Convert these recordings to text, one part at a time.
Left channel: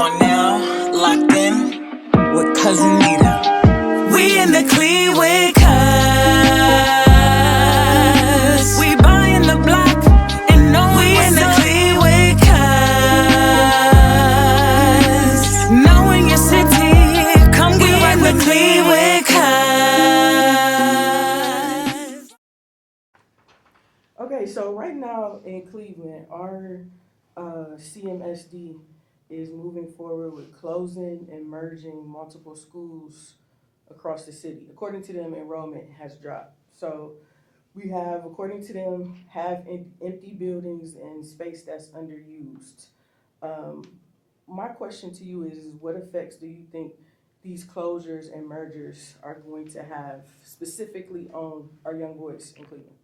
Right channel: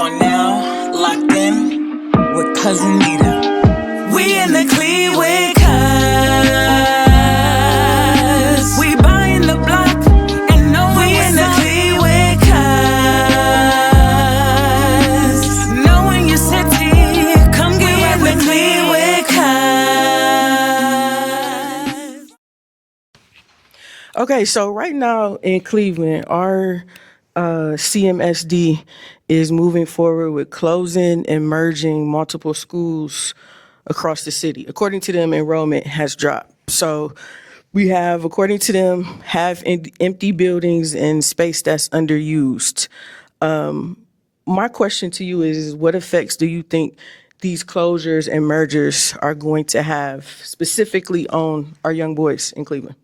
are now locked in with Cousin Nita. We in the Clee with cuz. We buying the block and know we in the Clee with cuz. Knowing your city, come get in the Clee with cuz. Okay, so right now in Cleveland, our CMSD is moving forward with closing and merging multiple schools across the city. According to them, enrollment has dropped. So we have, according to them, half empty buildings and space that's underused. My question to you is, what effects do you think these closures and mergers are going to have specifically on our young boys in Cleveland?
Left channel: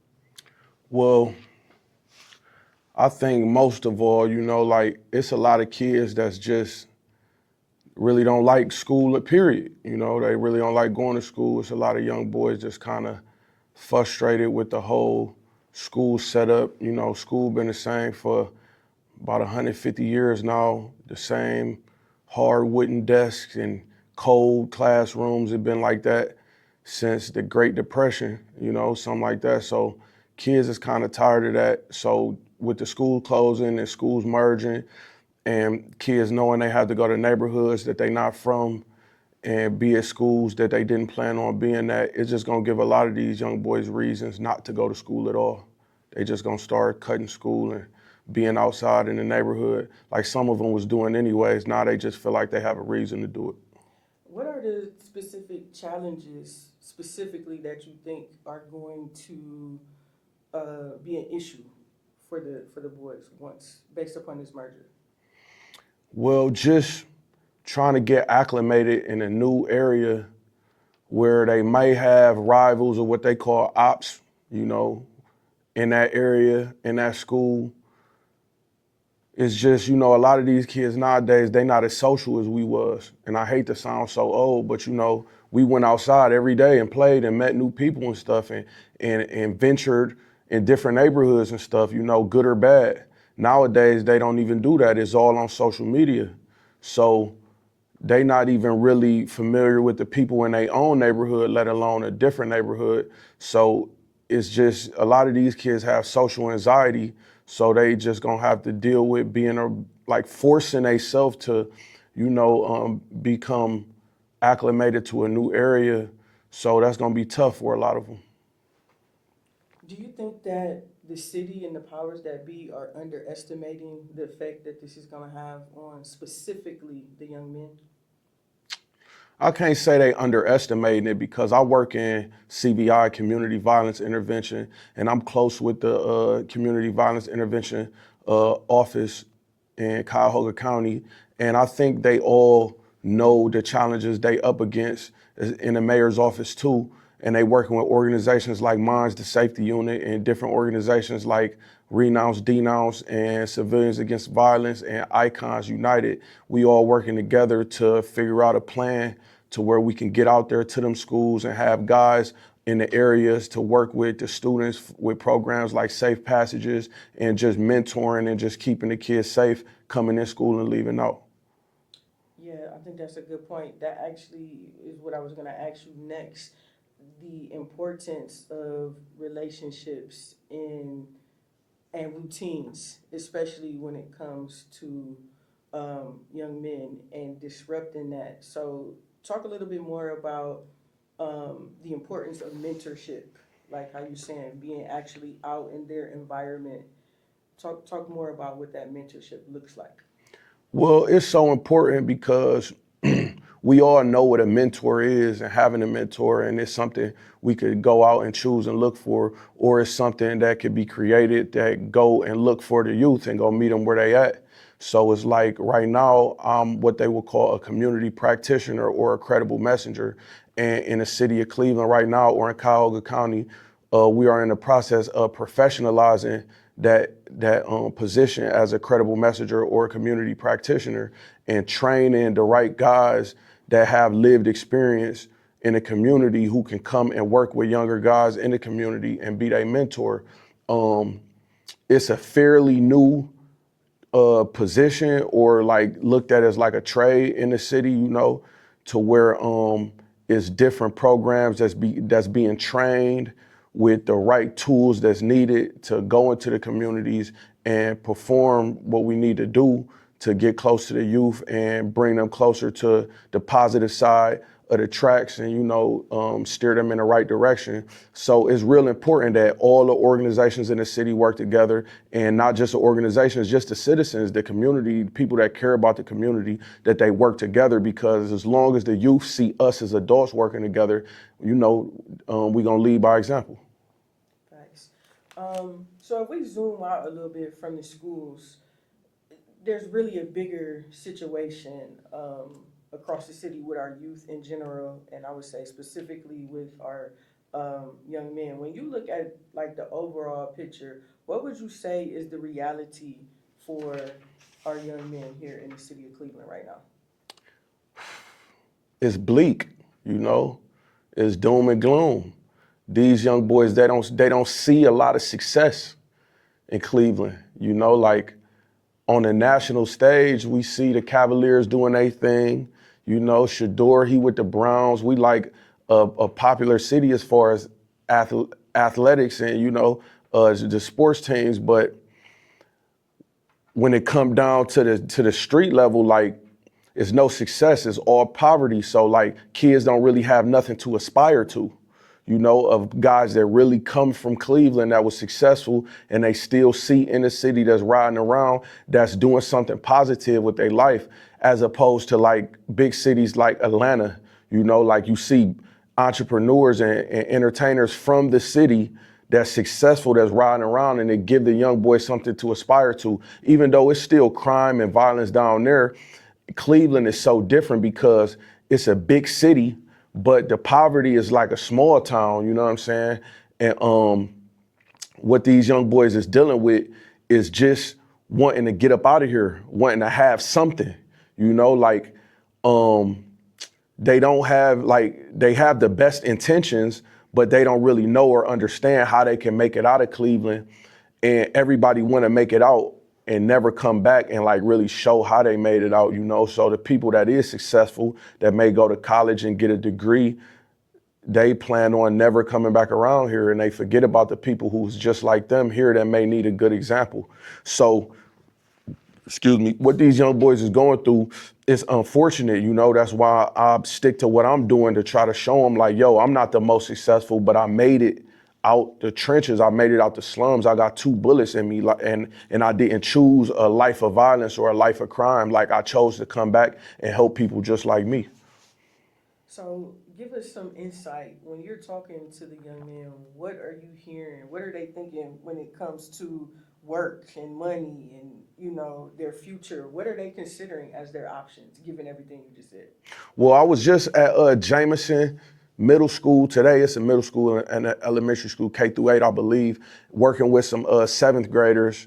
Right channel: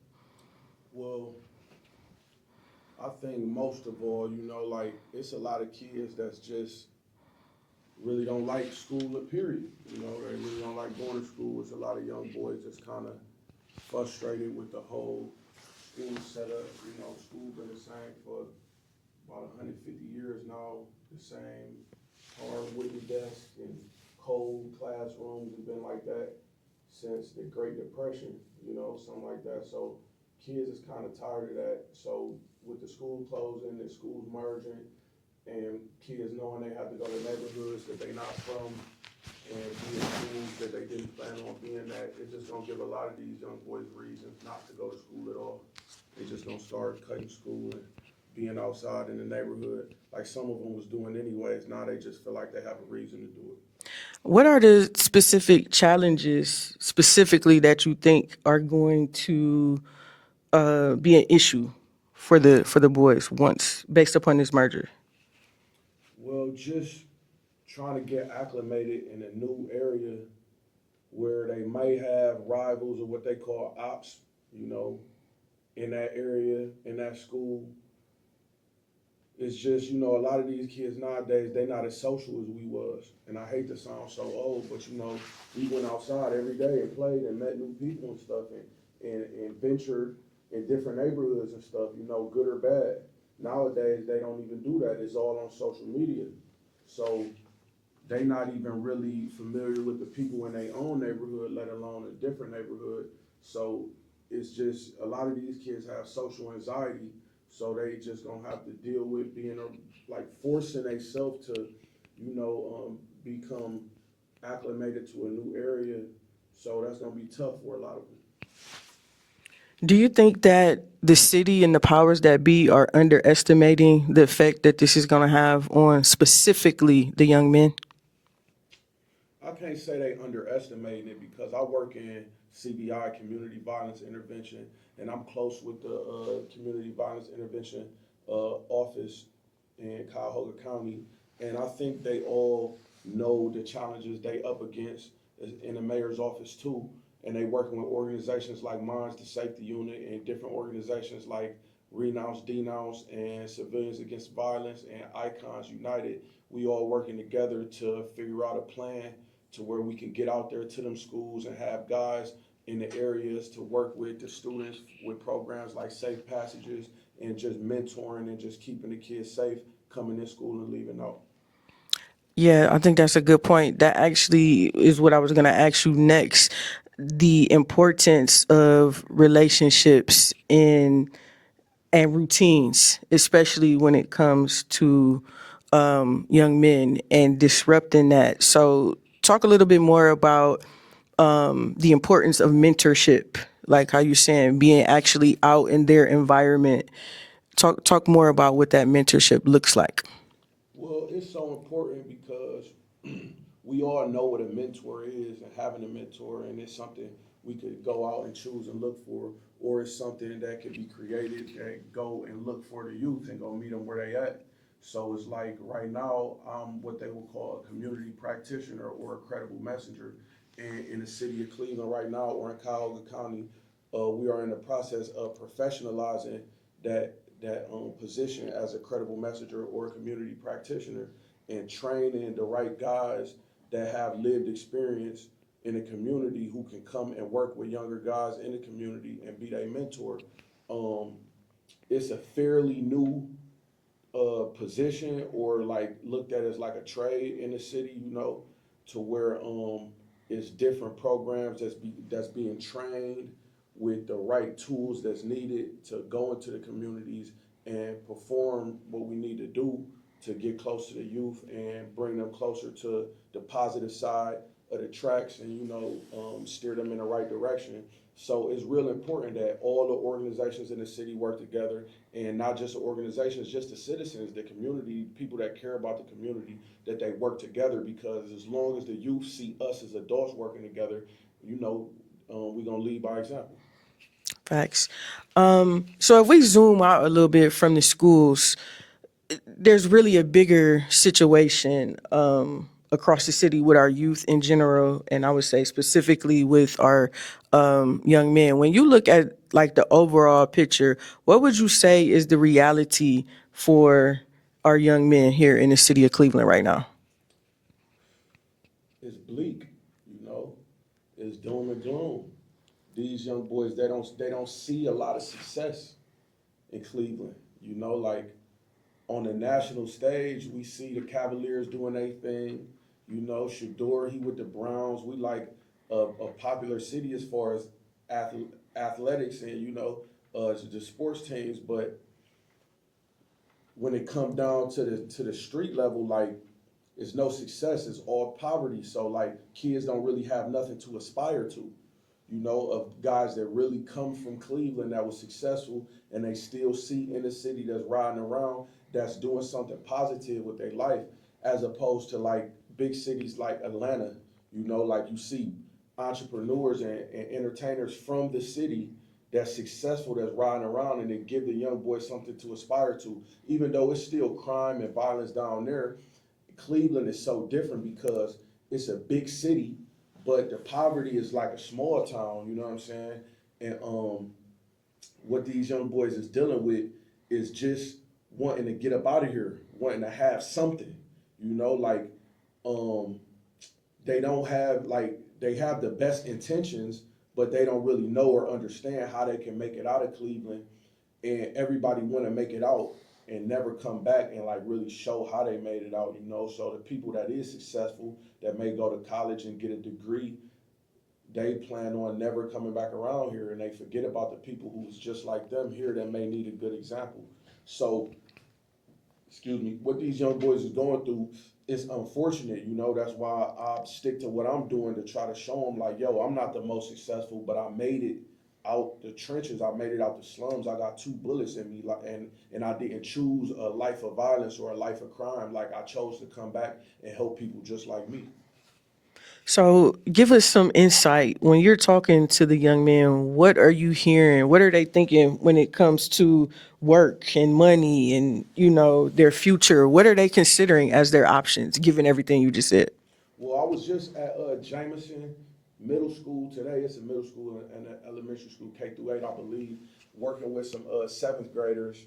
Well, I think most of all, like it's a lot of kids that's just really don't like school, period. They really don't like going to school. It's a lot of young boys just kind of frustrated with the whole school setup. School been the same for about 150 years now. The same hard wooden desks and cold classrooms have been like that since the Great Depression, something like that. So kids is kind of tired of that. So with the school closing and schools merging and kids knowing they have to go to neighborhoods that they're not from and be at schools that they didn't plan on being at, it's just gonna give a lot of these young boys reasons not to go to school at all. They just gonna start cutting school and being outside in the neighborhood like some of them was doing anyways. Now they just feel like they have a reason to do it. What are the specific challenges specifically that you think are going to be an issue for the boys once based upon this merger? Well, just trying to get acclimated in a new area where they may have rivals or what they call ops, in that area, in that school. It's just, a lot of these kids nowadays, they not as social as we was. And I hate to sound so old, but we went outside every day and played and met new people and stuff and ventured in different neighborhoods and stuff, good or bad. Nowadays, they don't even do that. It's all on social media. So they not even really familiar with the people in their own neighborhood, let alone a different neighborhood. So it's just a lot of these kids have social anxiety, so they just gonna have to deal with being forcing themselves to, become acclimated to a new area. So that's gonna be tough for a lot of them. Do you think that the city and the powers that be are underestimating the effect that this is going to have on specifically the young men? I can't say they underestimating it because I work in CVI, Community Violence Intervention, and I'm close with the Community Violence Intervention office in Cuyahoga County. And I think they all know the challenges they up against in the mayor's office too. And they working with organizations like Minds the Safety Unit and different organizations like Renounce, Denounce, and Civilians Against Violence and Icons United. We all working together to figure out a plan to where we can get out there to them schools and have guys in the areas to work with the students with programs like Safe Passages and just mentoring and just keeping the kids safe coming in school and leaving out. Yeah, I think that's a good point. That actually is what I was going to ask you next. The importance of relationships and routines, especially when it comes to young men and disrupting that. So talk a little bit more about the importance of mentorship, like how you're saying being actually out in their environment. Talk more about what that mentorship looks like. Well, it's so important because we all know what a mentor is and having a mentor, and it's something we could go out and choose and look for, or it's something that could be created that go and look for the youth and go meet them where they at. So it's like right now, I'm what they would call a community practitioner or a credible messenger. And in the city of Cleveland right now, or in Cuyahoga County, we are in the process of professionalizing that position as a credible messenger or a community practitioner and training the right guys that have lived experience in the community who can come and work with younger guys in the community and be their mentor. It's a fairly new position or like looked at as like a trade in the city, you know, to where it's different programs that's being trained with the right tools that's needed to go into the communities and perform what we need to do to get close to the youth and bring them closer to the positive side of the tracks and, you know, steer them in the right direction. So it's real important that all the organizations in the city work together, and not just the organizations, just the citizens, the community, people that care about the community, that they work together, because as long as the youth see us as adults working together, you know, we're gonna lead by example. Facts. So if we zoom out a little bit from the schools, there's really a bigger situation across the city with our youth in general, and I would say specifically with our young men. When you look at like the overall picture, what would you say is the reality for our young men here in the city of Cleveland right now? It's bleak, you know, it's doom and gloom. These young boys, they don't see a lot of success in Cleveland, you know, like on the national stage, we see the Cavaliers doing their thing. You know, Shador, he with the Browns. We like a popular city as far as athletics and, you know, the sports teams. But when it come down to the street level, like, it's no success. It's all poverty. So, like, kids don't really have nothing to aspire to, you know, of guys that really come from Cleveland that was successful, and they still see in the city that's riding around that's doing something positive with their life, as opposed to like big cities like Atlanta, you know, like you see entrepreneurs and entertainers from the city that's successful, that's riding around, and they give the young boy something to aspire to. Even though it's still crime and violence down there, Cleveland is so different because it's a big city, but the poverty is like a small town, you know what I'm saying? And what these young boys is dealing with is just wanting to get up out of here, wanting to have something, you know, like they don't have, like, they have the best intentions, but they don't really know or understand how they can make it out of Cleveland. And everybody want to make it out and never come back and like really show how they made it out, you know? So the people that is successful, that may go to college and get a degree, they plan on never coming back around here, and they forget about the people who's just like them here that may need a good example. So, excuse me, what these young boys is going through is unfortunate, you know? That's why I stick to what I'm doing, to try to show them like, yo, I'm not the most successful, but I made it out the trenches. I made it out the slums. I got 2 bullets in me, and I didn't choose a life of violence or a life of crime. Like, I chose to come back and help people just like me. So give us some insight. When you're talking to the young men, what are you hearing? What are they thinking when it comes to work and money and, you know, their future? What are they considering as their options, given everything you just said? Well, I was just at Jameson Middle School today. It's a middle school and an elementary school, K through 8, I believe, working with some 7th graders.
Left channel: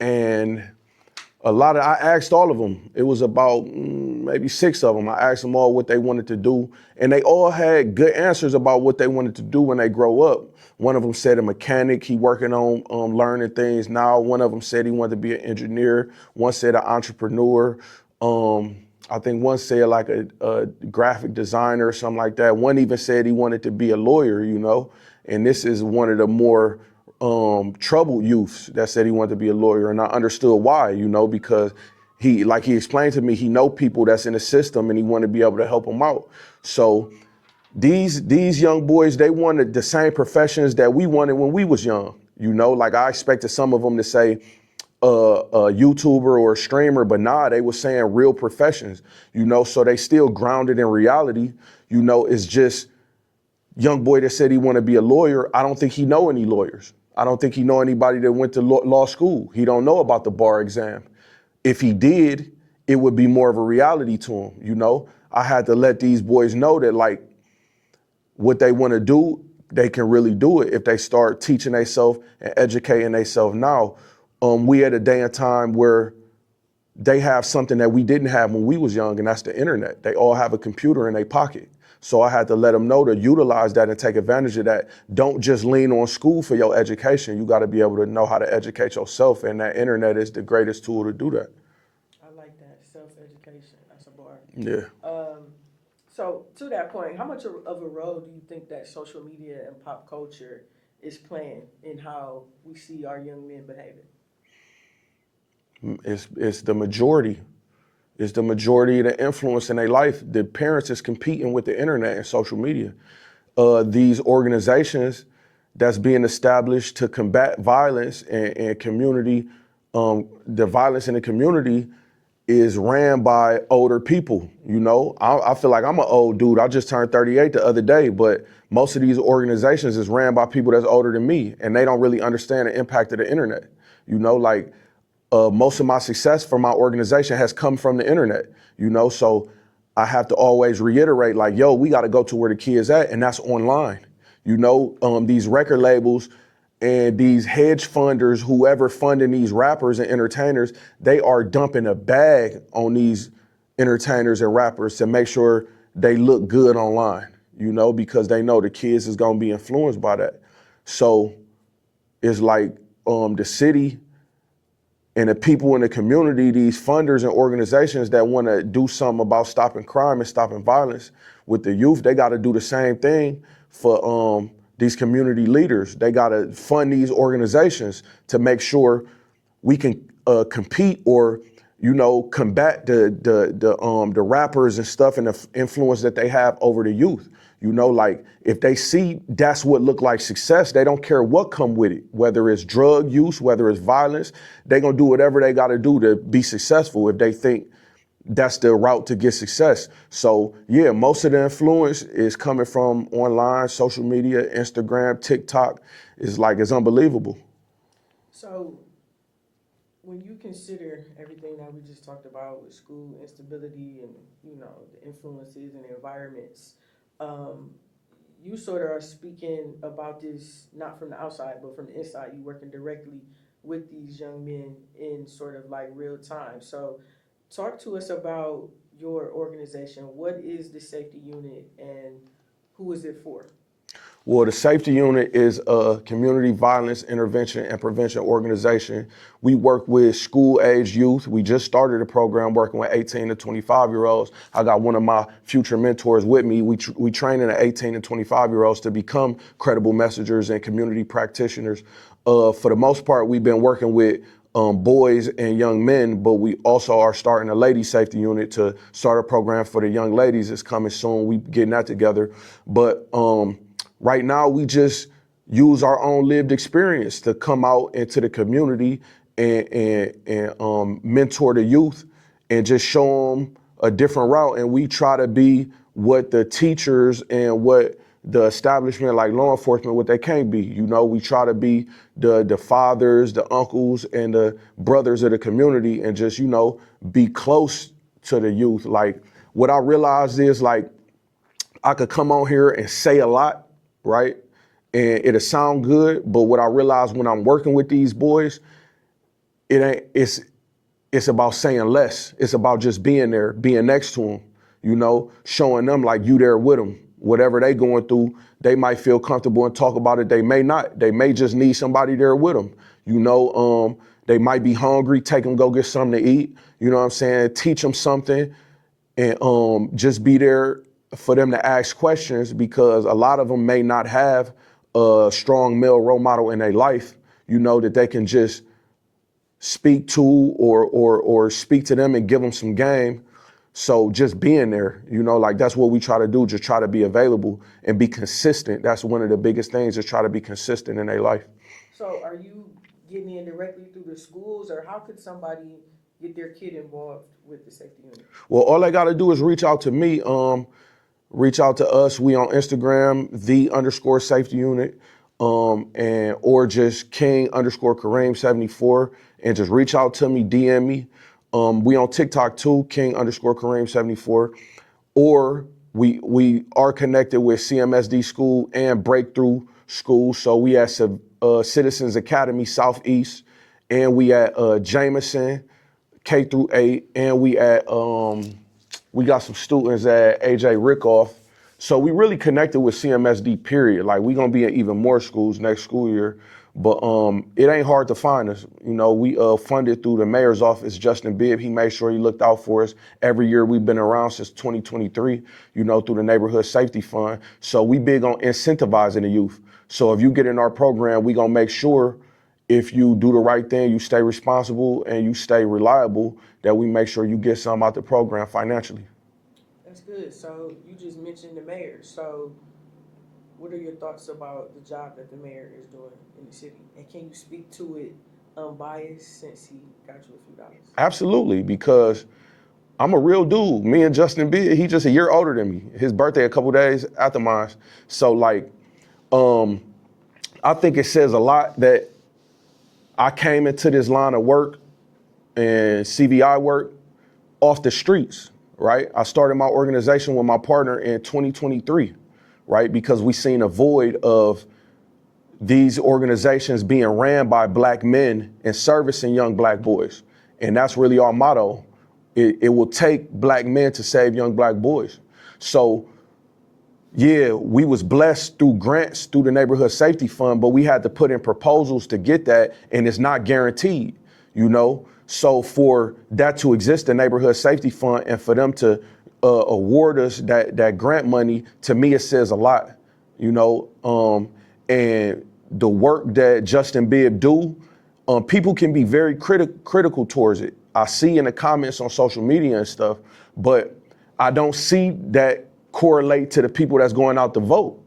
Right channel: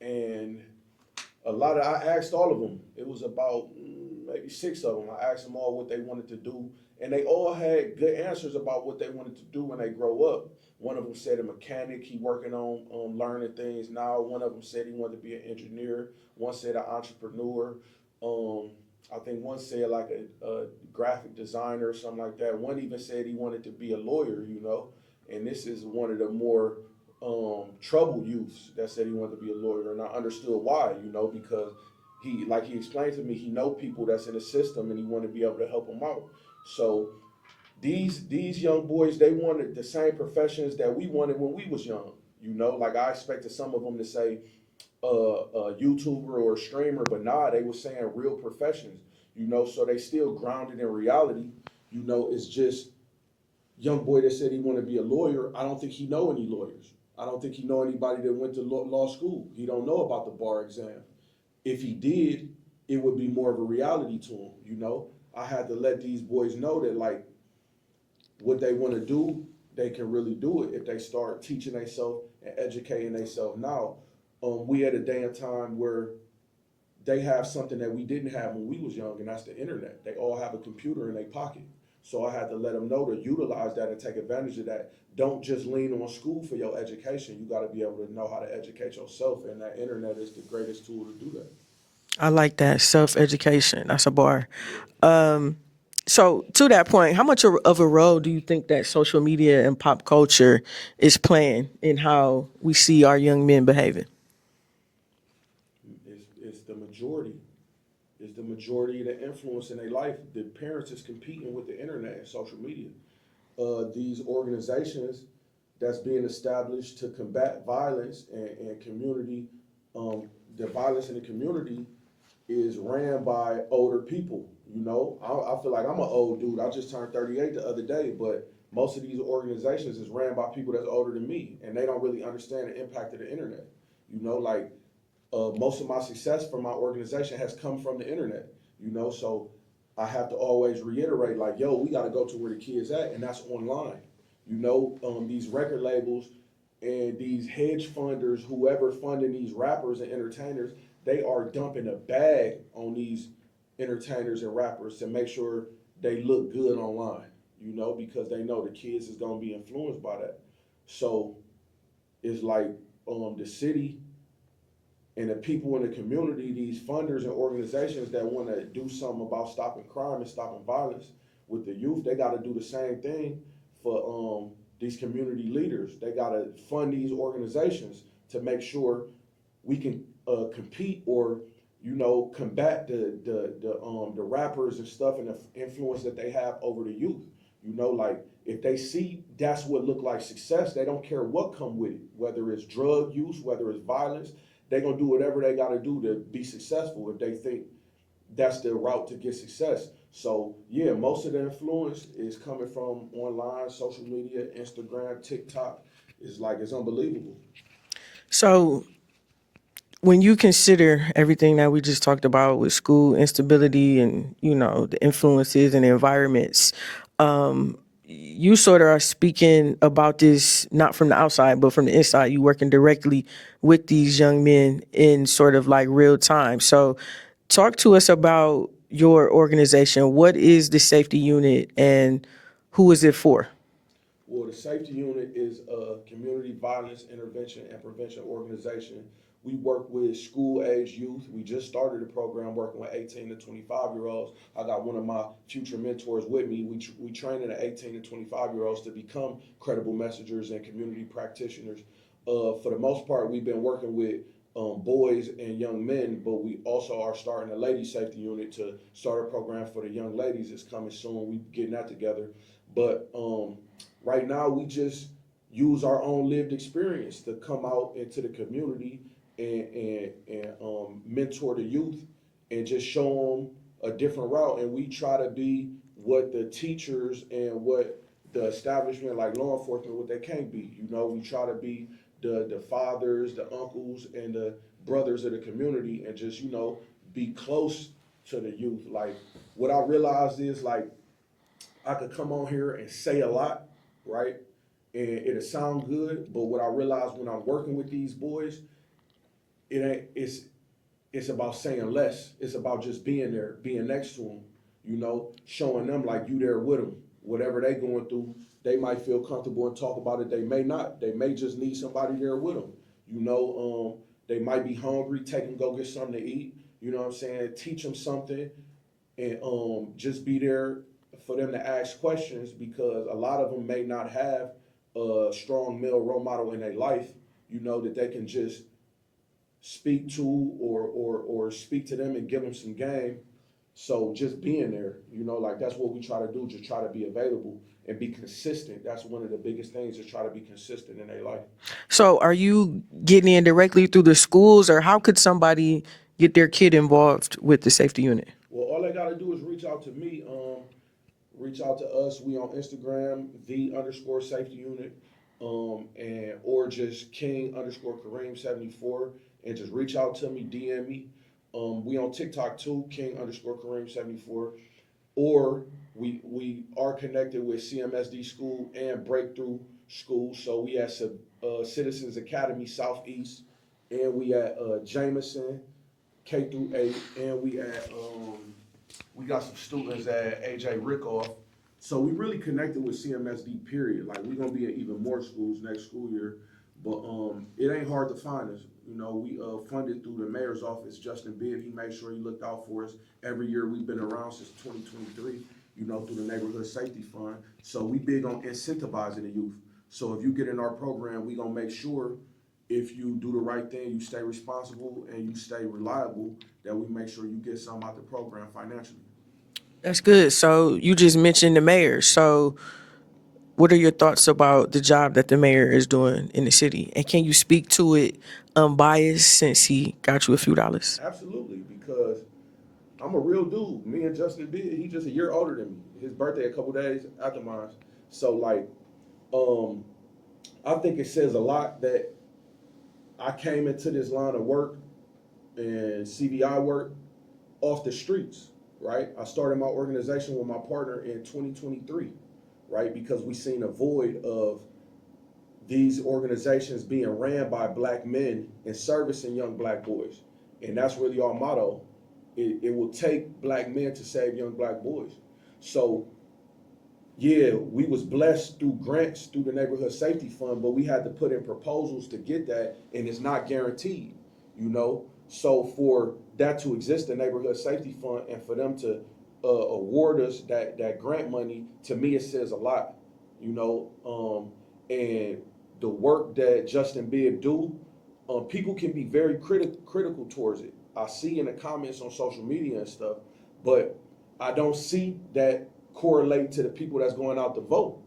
And I asked all of them. It was about maybe 6 of them. I asked them all what they wanted to do, and they all had good answers about what they wanted to do when they grow up. One of them said a mechanic, he working on learning things now. One of them said he wanted to be an engineer. One said an entrepreneur. I think one said like a graphic designer or something like that. One even said he wanted to be a lawyer, you know, and this is one of the more troubled youths that said he wanted to be a lawyer, and I understood why, you know, because he explained to me, he know people that's in the system and he wanted to be able to help them out. So these young boys, they wanted the same professions that we wanted when we was young, you know, like I expected some of them to say a YouTuber or a streamer, but nah, they were saying real professions, you know, so they still grounded in reality, you know. It's just young boy that said he want to be a lawyer. I don't think he know any lawyers. I don't think he know anybody that went to law school. He don't know about the bar exam. If he did, it would be more of a reality to him, you know? I had to let these boys know that, like, what they want to do, they can really do it if they start teaching themselves and educating themselves now. We at a day and time where they have something that we didn't have when we was young, and that's the internet. They all have a computer in their pocket. So I had to let them know to utilize that and take advantage of that. Don't just lean on school for your education. You got to be able to know how to educate yourself, and that internet is the greatest tool to do that. I like that. Self-education. That's a bar. Yeah. So to that point, how much of a role do you think that social media and pop culture is playing in how we see our young men behaving? It's the majority. It's the majority of the influence in their life. The parents is competing with the internet and social media. These organizations that's being established to combat violence and community, the violence in the community is ran by older people. You know, I feel like I'm an old dude. I just turned 38 the other day, but most of these organizations is ran by people that's older than me, and they don't really understand the impact of the internet. You know, like most of my success for my organization has come from the internet, you know, so I have to always reiterate, like, yo, we got to go to where the kids at, and that's online. You know, these record labels and these hedge funders, whoever funding these rappers and entertainers, they are dumping a bag on these entertainers and rappers to make sure they look good online, you know, because they know the kids is gonna be influenced by that. So it's like the city and the people in the community, these funders and organizations that want to do something about stopping crime and stopping violence with the youth, they got to do the same thing for these community leaders. They got to fund these organizations to make sure we can compete or, you know, combat the rappers and stuff and the influence that they have over the youth. You know, like if they see that's what look like success, they don't care what come with it, whether it's drug use, whether it's violence, they're gonna do whatever they gotta do to be successful if they think that's the route to get success. So yeah, most of the influence is coming from online, social media, Instagram, TikTok. It's unbelievable. So when you consider everything that we just talked about with school instability and, you know, the influences and the environments, you sort of are speaking about this not from the outside, but from the inside. You working directly with these young men in sort of like real time. So talk to us about your organization. What is the safety unit and who is it for? Well, the safety unit is a community violence intervention and prevention organization. We work with school-age youth. We just started a program working with 18 to 25-year-olds. I got one of my future mentors with me. We training the 18 and 25-year-olds to become credible messengers and community practitioners. For the most part, we've been working with boys and young men, but we also are starting a ladies safety unit to start a program for the young ladies. It's coming soon. We getting that together. But right now, we just use our own lived experience to come out into the community and mentor the youth and just show them a different route. And we try to be what the teachers and what the establishment like law enforcement, what they can't be. You know, we try to be the fathers, the uncles, and the brothers of the community and just, you know, be close to the youth. Like, what I realized is, like, I could come on here and say a lot, right? And it'll sound good, but what I realized when I'm working with these boys, it's about saying less. It's about just being there, being next to them, you know, showing them like you there with them. Whatever they going through, they might feel comfortable and talk about it. They may not. They may just need somebody there with them. You know, they might be hungry. Take them, go get something to eat. You know what I'm saying? Teach them something and just be there for them to ask questions because a lot of them may not have a strong male role model in their life, you know, that they can just speak to or speak to them and give them some game. So just being there, you know, like that's what we try to do, just try to be available and be consistent. That's one of the biggest things, is try to be consistent in their life. So are you getting in directly through the schools, or how could somebody get their kid involved with the safety unit? Well, all they got to do is reach out to me, reach out to us. We on Instagram, _safety unit, and or just King_Kareem 74, and just reach out to me, DM me. We on TikTok too, King_Kareem 74, or we are connected with CMSD School and Breakthrough School. So we at Citizens Academy Southeast, and we at Jameson K through 8, and we got some students at AJ Rickoff. So we really connected with CMSD, period. Like, we gonna be in even more schools next school year. But it ain't hard to find us. You know, we funded through the mayor's office, Justin Bibb. He made sure he looked out for us. Every year we've been around since 2023, you know, through the Neighborhood Safety Fund. So we big on incentivizing the youth. So if you get in our program, we gonna make sure if you do the right thing, you stay responsible and you stay reliable, that we make sure you get some out the program financially. That's good. So you just mentioned the mayor. So what are your thoughts about the job that the mayor is doing in the city? And can you speak to it unbiased since he got you a few dollars? Absolutely, because I'm a real dude. Me and Justin Bibb, he just a year older than me. His birthday a couple days after mine. So like, I think it says a lot that I came into this line of work and CVI work off the streets, right? I started my organization with my partner in 2023, right? Because we seen a void of these organizations being ran by black men and servicing young black boys. And that's really our motto. It will take black men to save young black boys. So yeah, we was blessed through grants through the Neighborhood Safety Fund, but we had to put in proposals to get that, and it's not guaranteed, you know? So for that to exist, the Neighborhood Safety Fund, and for them to award us that grant money, to me, it says a lot, you know? And the work that Justin Bibb do, people can be very critical towards it. I see in the comments on social media and stuff, but I don't see that correlate to the people that's going out to vote.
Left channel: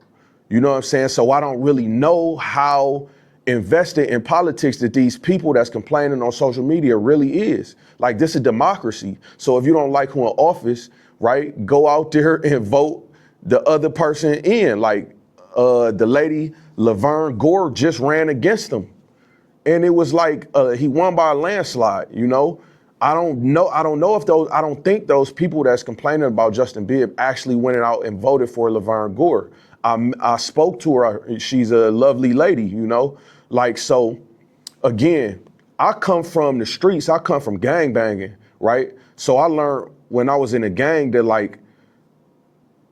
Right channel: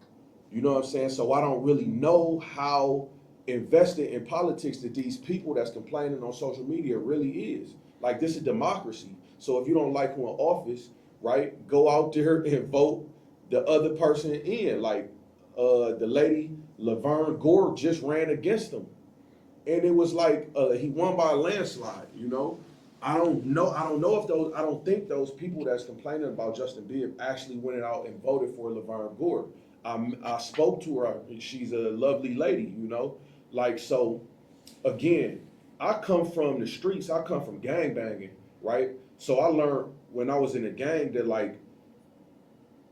You know what I'm saying? So I don't really know how invested in politics that these people that's complaining on social media really is. Like, this is democracy. So if you don't like who in office, right, go out there and vote the other person in. Like, the lady Laverne Gore just ran against him. And it was like, he won by a landslide, you know? I don't think those people that's complaining about Justin Bibb actually went out and voted for Laverne Gore. I spoke to her. She's a lovely lady, you know? Like, so again, I come from the streets. I come from gang banging, right? So I learned when I was in a gang that, like,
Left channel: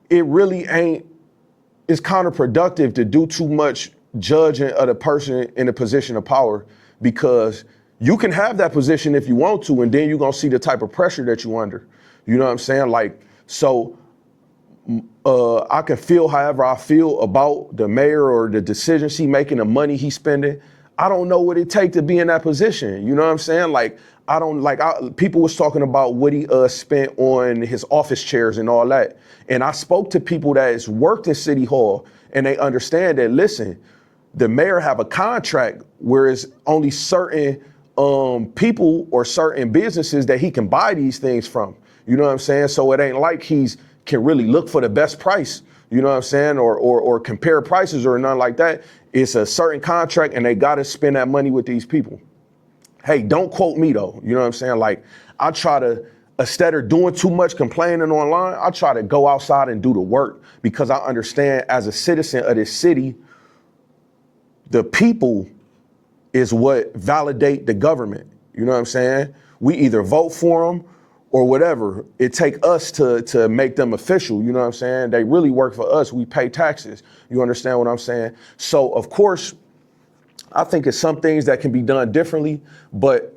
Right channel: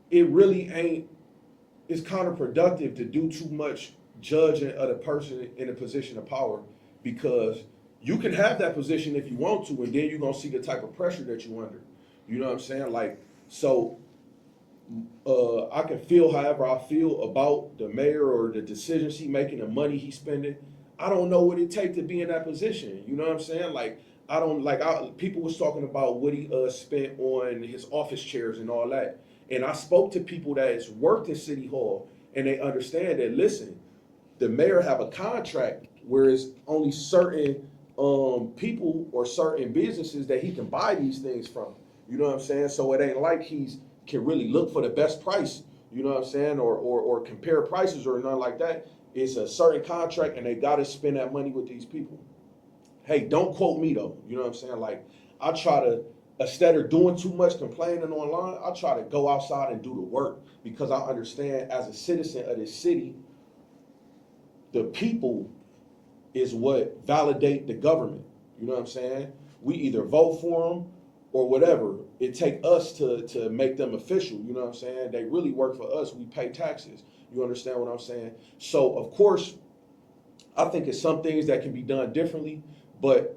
it really ain't, it's counterproductive to do too much judging of the person in a position of power, because you can have that position if you want to, and then you're gonna see the type of pressure that you under. You know what I'm saying? Like, so I can feel however I feel about the mayor or the decisions he making, the money he spending. I don't know what it takes to be in that position. You know what I'm saying? Like, people was talking about what he spent on his office chairs and all that. And I spoke to people that has worked in City Hall, and they understand that, listen, the mayor have a contract where it's only certain people or certain businesses that he can buy these things from. You know what I'm saying? So it ain't like can really look for the best price, you know what I'm saying? Or compare prices or nothing like that. It's a certain contract, and they gotta spend that money with these people. Hey, don't quote me though, you know what I'm saying? Like, I try to, instead of doing too much complaining online, I try to go outside and do the work, because I understand as a citizen of this city, the people is what validate the government. You know what I'm saying? We either vote for them or whatever. It take us to make them official. You know what I'm saying? They really work for us. We pay taxes. You understand what I'm saying? So of course, I think it's some things that can be done differently, but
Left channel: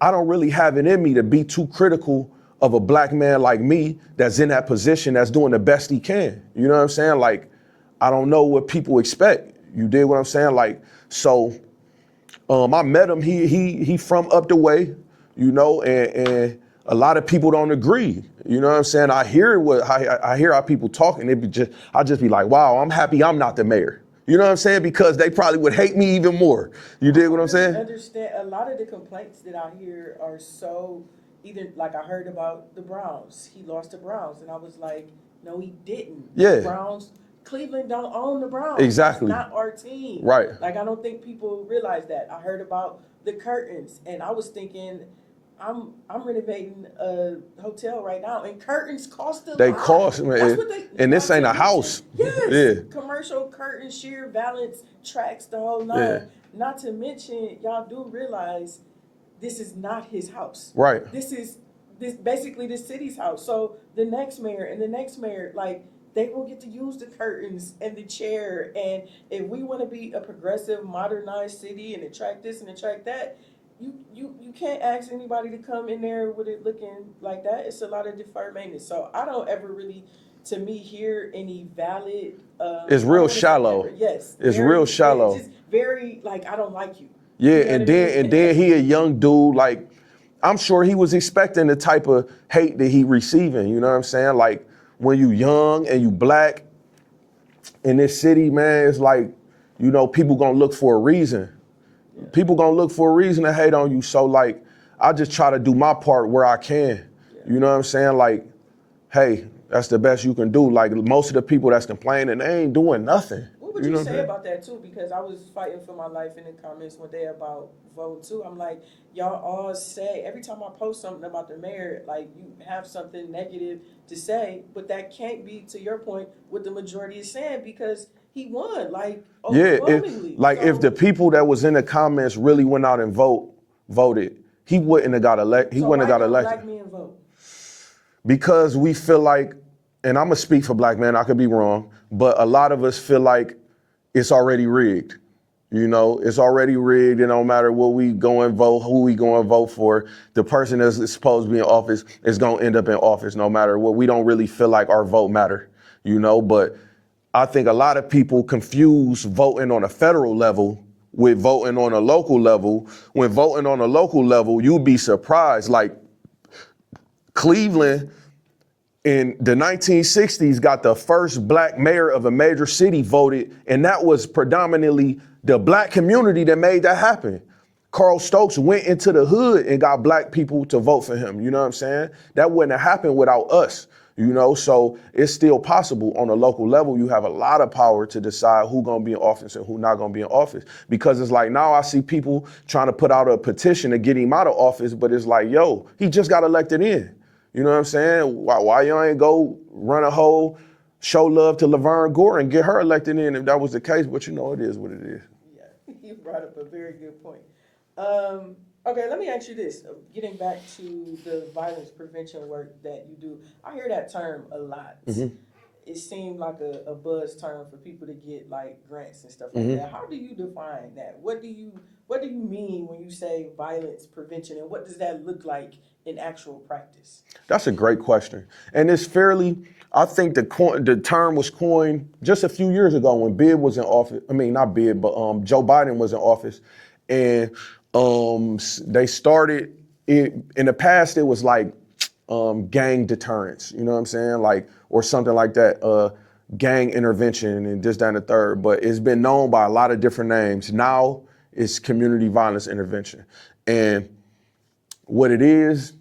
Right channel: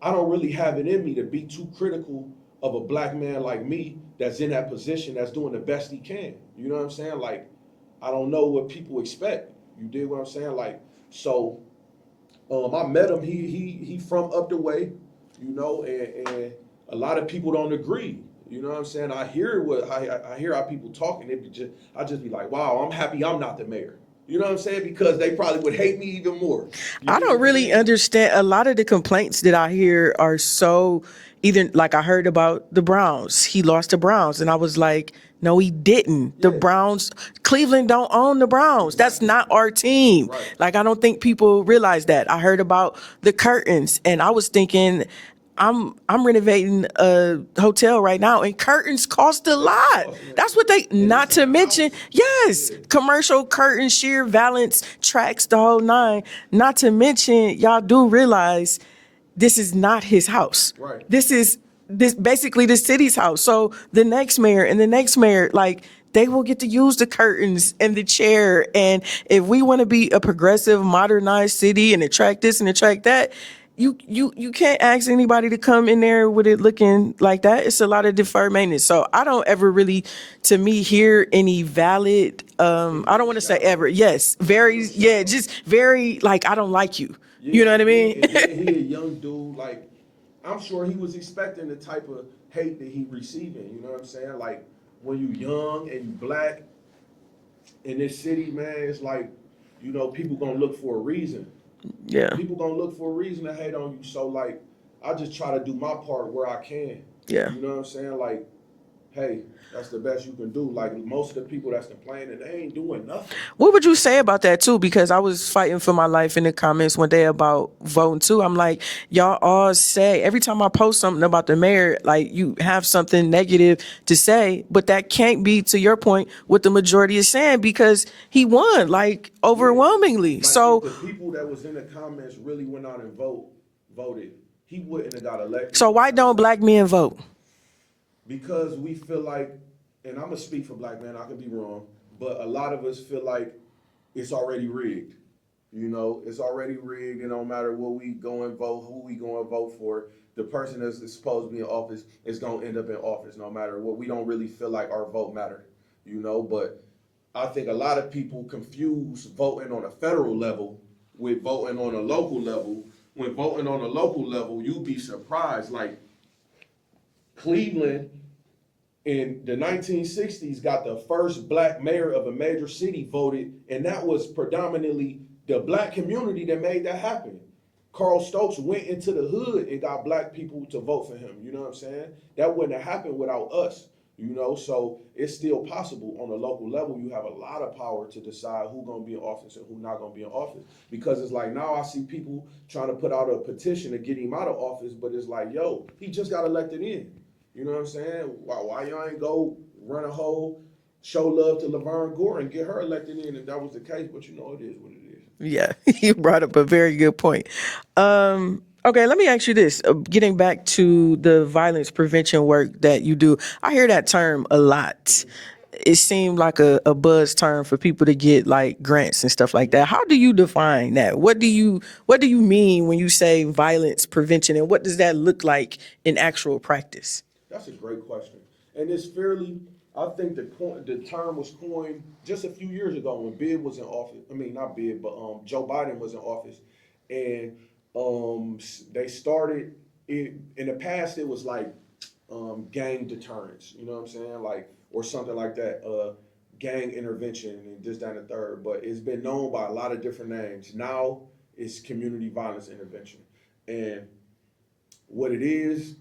I don't really have it in me to be too critical of a black man like me that's in that position, that's doing the best he can. You know what I'm saying? Like, I don't know what people expect. You dig what I'm saying? Like, so I met him. He from up the way, you know, and a lot of people don't agree. You know what I'm saying? I hear how people talk, and I just be like, wow, I'm happy I'm not the mayor. You know what I'm saying? Because they probably would hate me even more. I don't really understand. A lot of the complaints that I hear are so, either, like, I heard about the Browns. He lost the Browns, and I was like, no, he didn't. Yeah. The Browns, Cleveland don't own the Browns. Exactly. That's not our team. Right. Like, I don't think people realize that. I heard about the curtains, and I was thinking, I'm renovating a hotel right now, and curtains cost a lot. Man. That's what they, and not to mention, house. yes, Yeah. commercial curtains, sheer valance, tracks, the whole nine. Yeah. Not to mention, y'all do realize this is not his house. Right. This basically the city's house. So the next mayor and the next mayor, like, they will get to use the curtains and the chair. And if we want to be a progressive, modernized city and attract this and attract that, you can't ask anybody to come in there with it looking like that. It's a lot of deferred maintenance. So I don't ever really, to me, hear any valid. It's I don't real want to say shallow. ever. Yes, It's very. real shallow. Yeah, just very like I don't like you. Yeah, You know what I mean? and then he a young dude, like, I'm sure he was expecting the type of hate that he receiving, you know what I'm saying? Like, when you young and you black in this city, man, it's like, you know, people gonna look for a reason. Yeah. People gonna look for a reason to hate on you, so like, I just try to do my part where I can. Yeah. You know what I'm saying? Like, hey, that's the best you can do. Like, most of the people that's complaining, they ain't doing nothing. What would you know what I'm say saying? about that too? Because I was fighting for my life in the comments one day about voting too. I'm like, y'all all say every time I post something about the mayor, like you have something negative to say, but that can't be, to your point, what the majority is saying because he won like overwhelmingly. Like, so if the people that was in the comments really went out and voted, he wouldn't have got elected. so why don't black men vote? Because we feel like, and I'm gonna speak for black men, I could be wrong, but a lot of us feel like it's already rigged. You know, it's already rigged, and no matter what we go and vote, who we go and vote for, the person that's supposed to be in office is gonna end up in office no matter what. We don't really feel like our vote matter, you know, but I think a lot of people confuse voting on a federal level with voting on a local level. When voting on a local level, you'd be surprised. Like, Cleveland in the 1960s got the first black mayor of a major city voted, and that was predominantly the black community that made that happen. Carl Stokes went into the hood and got black people to vote for him, you know what I'm saying? That wouldn't have happened without us, you know? So it's still possible on a local level. You have a lot of power to decide who's gonna be in office and who's not gonna be in office. Because it's like, now I see people trying to put out a petition to get him out of office, but it's like, yo, he just got elected in. You know what I'm saying? Why you ain't go run a whole show love to Laverne Gore and get her elected in if that was the case? But you know, it is what it is. Yeah, you brought up a very good point. Okay, let me ask you this. Getting back to the violence prevention work that you do, I hear that term a lot. It seemed like a buzz term for people to get like grants and stuff like that. How do you define that? What do you mean when you say violence prevention, and what does that look like in actual practice? That's a great question. And it's fairly, I think the term was coined just a few years ago when Bid was in office. I mean, not Bid, but Joe Biden was in office. And they started it, in the past, it was like gang deterrence, you know what I'm saying? Like, or something like that, gang intervention and this, that, and the third. But it's been known by a lot of different names. Now it's community violence intervention. And what it is,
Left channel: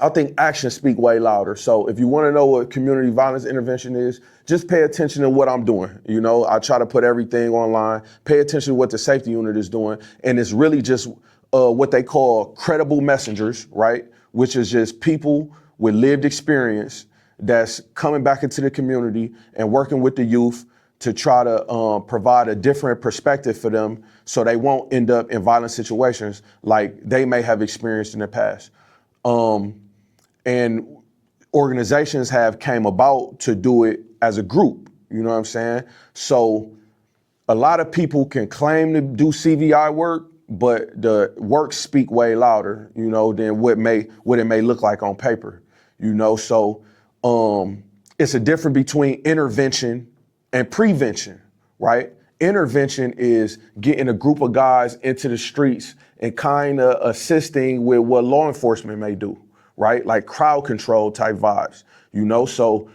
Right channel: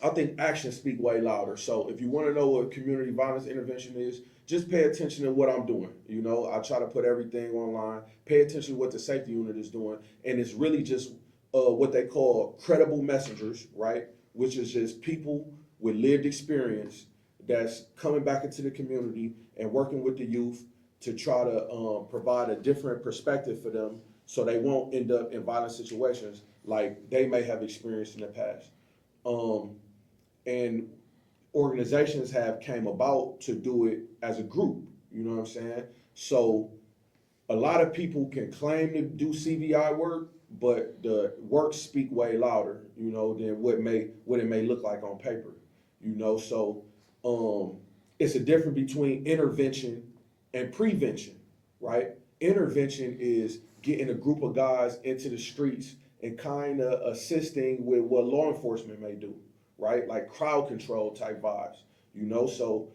I think actions speak way louder. So if you want to know what community violence intervention is, just pay attention to what I'm doing. You know, I try to put everything online, pay attention to what the safety unit is doing. And it's really just what they call credible messengers, right? Which is just people with lived experience that's coming back into the community and working with the youth to try to provide a different perspective for them so they won't end up in violent situations like they may have experienced in the past. And organizations have came about to do it as a group, you know what I'm saying? So a lot of people can claim to do CVI work, but the work speak way louder, you know, than what it may look like on paper, you know? So it's a difference between intervention and prevention, right? Intervention is getting a group of guys into the streets and kind of assisting with what law enforcement may do, right? Like crowd control type vibes, you know? So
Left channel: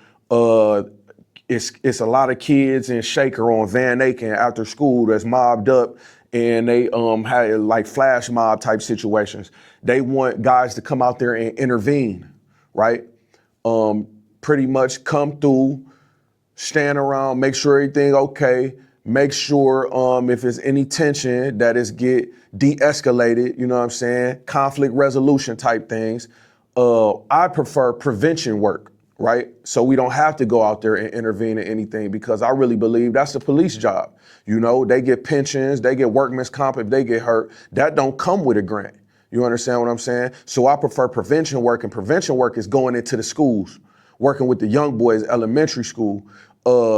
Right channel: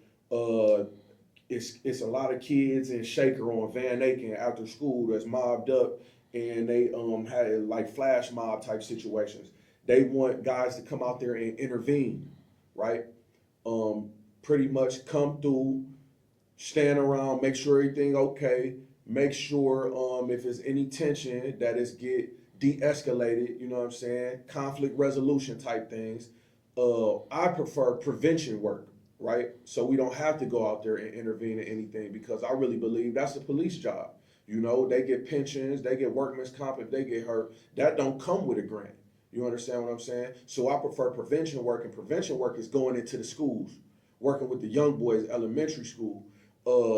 it's a lot of kids in Shaker on Van Aken after school that's mobbed up, and they had like flash mob type situations. They want guys to come out there and intervene, right? Pretty much come through, stand around, make sure everything okay, make sure if there's any tension that is get de-escalated, you know what I'm saying? Conflict resolution type things. I prefer prevention work, right? So we don't have to go out there and intervene in anything, because I really believe that's the police job. You know, they get pensions, they get workman's comp if they get hurt. That don't come with a grant. You understand what I'm saying? So I prefer prevention work, and prevention work is going into the schools working with the young boys, elementary school,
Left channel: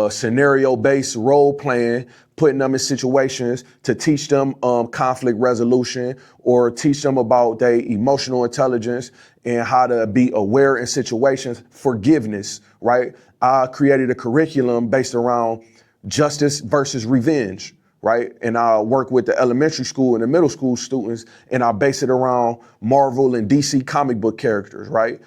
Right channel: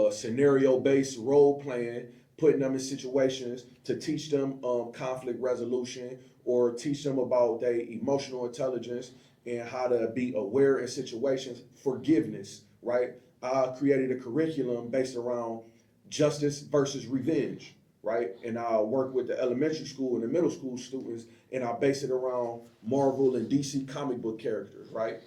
scenario-based role playing, putting them in situations to teach them conflict resolution or teach them about their emotional intelligence and how to be aware in situations, forgiveness, right? I created a curriculum based around justice versus revenge, right? And I work with the elementary school and the middle school students, and I base it around Marvel and DC comic book characters, right?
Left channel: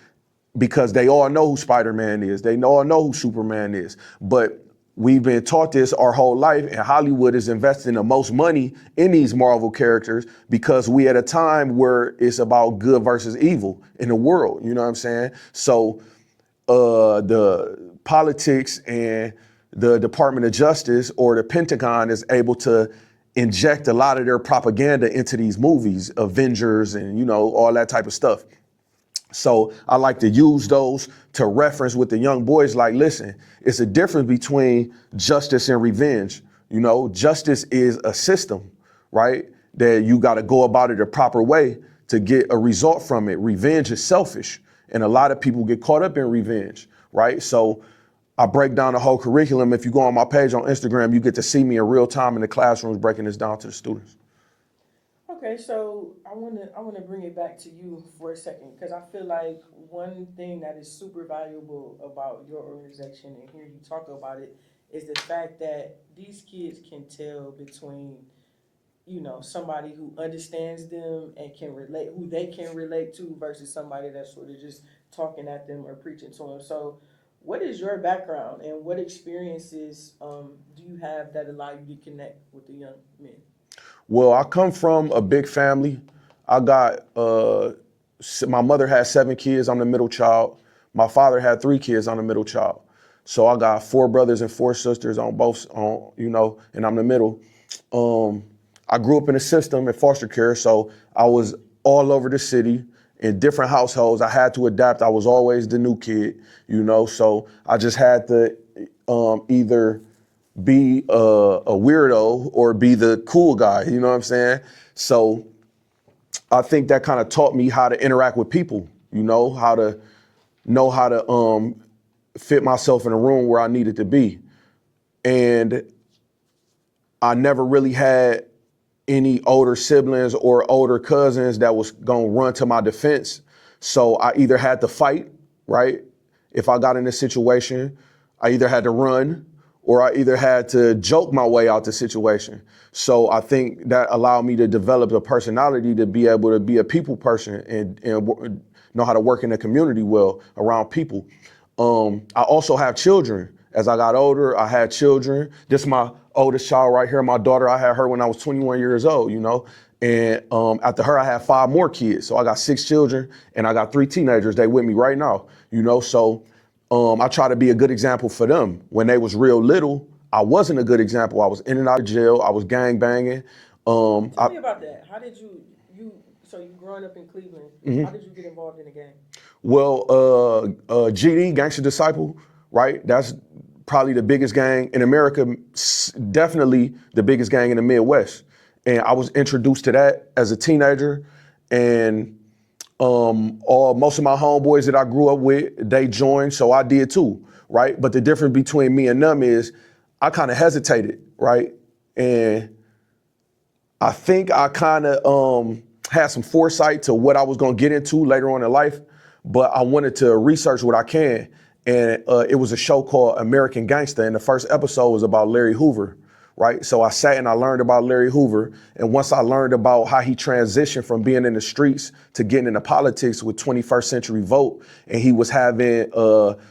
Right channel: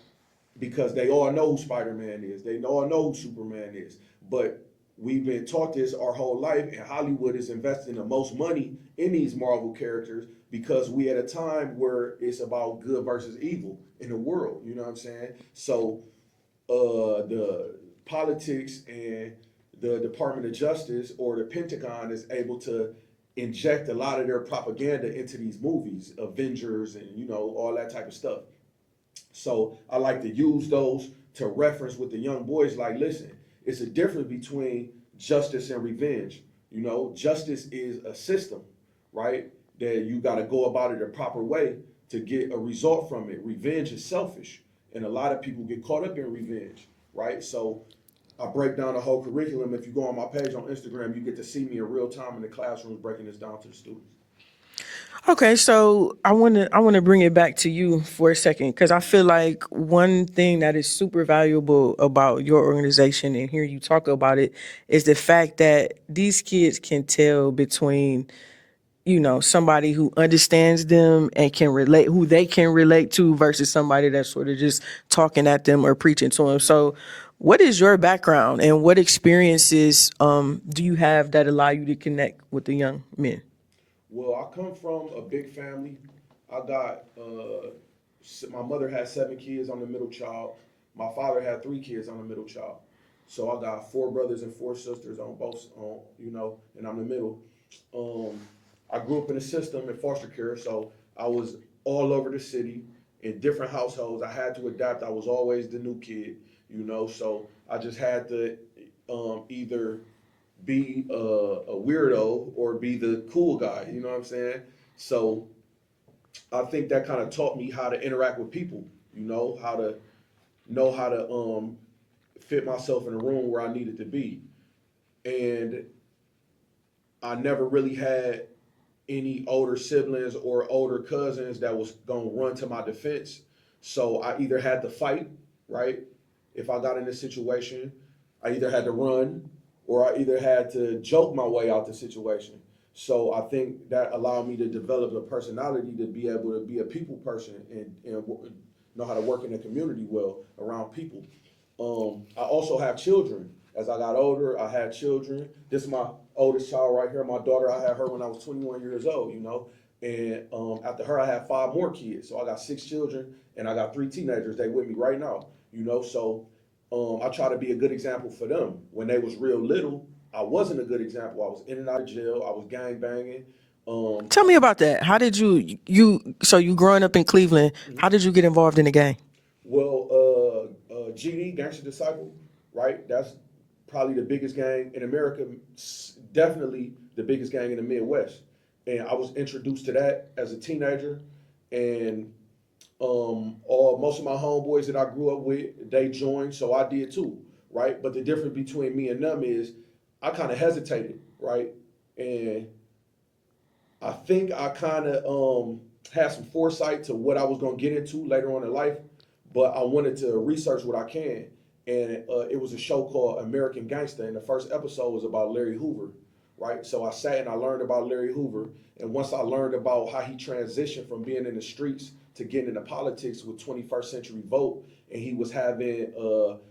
Because they all know who Spider-Man is. They all know who Superman is. But we've been taught this our whole life, and Hollywood is investing the most money in these Marvel characters because we at a time where it's about good versus evil in the world, you know what I'm saying? So the politics and the Department of Justice or the Pentagon is able to inject a lot of their propaganda into these movies, Avengers and, you know, all that type of stuff. So I like to use those to reference with the young boys, like, listen, it's a difference between justice and revenge. You know, justice is a system, right? That you got to go about it a proper way to get a result from it. Revenge is selfish, and a lot of people get caught up in revenge, right? So I break down the whole curriculum. If you go on my page on Instagram, you get to see me in real time in the classrooms breaking this down to the students. Okay, so I want to bring it back to you for a second because I feel like one thing that is super valuable about your organization and hearing you talk about it is the fact that these kids can tell between, you know, somebody who understands them and can relate, who they can relate to versus somebody that's sort of just talking at them or preaching to them. So what is your background and what experiences do you have that allow you to connect with the young men? Well, I come from a big family. I got, my mother had 7 kids, I'm the middle child. My father had 3 kids, I'm the middle child. So I got 4 brothers and 4 sisters on both, you know, and I'm the middle. I grew up in a system in foster care, so I was all over the city in different households. I had to adapt. I was always the new kid, you know, so I just had to either be a weirdo or be the cool guy, you know what I'm saying? So I think that kind of taught me how to interact with people, you know how to fit myself in a room where I needed to be. And I never really had any older siblings or older cousins that was gonna run to my defense. So I either had to fight, right? If I got in a situation, I either had to run or I either had to joke my way out the situation. So I think that allowed me to develop a personality to be able to be a people person and know how to work in the community well around people. I also have children. As I got older, I had children. This is my oldest child right here, my daughter. I had her when I was 21 years old, you know? And after her, I had 5 more kids. So I got 6 children and I got 3 teenagers. They with me right now, you know? So I try to be a good example for them. When they was real little, I wasn't a good example. I was in and out of jail. I was gang banging. Tell me about that. How did so you growing up in Cleveland, how did you get involved in the gang? Well, GD, Gangster Disciple, right? That's probably the biggest gang in America, definitely the biggest gang in the Midwest. And I was introduced to that as a teenager, and most of my homeboys that I grew up with, they joined, so I did too, right? But the difference between me and them is I kind of hesitated, right? And I think I kind of had some foresight to what I was gonna get into later on in life, but I wanted to research what I can. And it was a show called American Gangster, and the first episode was about Larry Hoover, right? So I sat and I learned about Larry Hoover, and once I learned about how he transitioned from being in the streets to getting into politics with 21st Century Vote, and he was having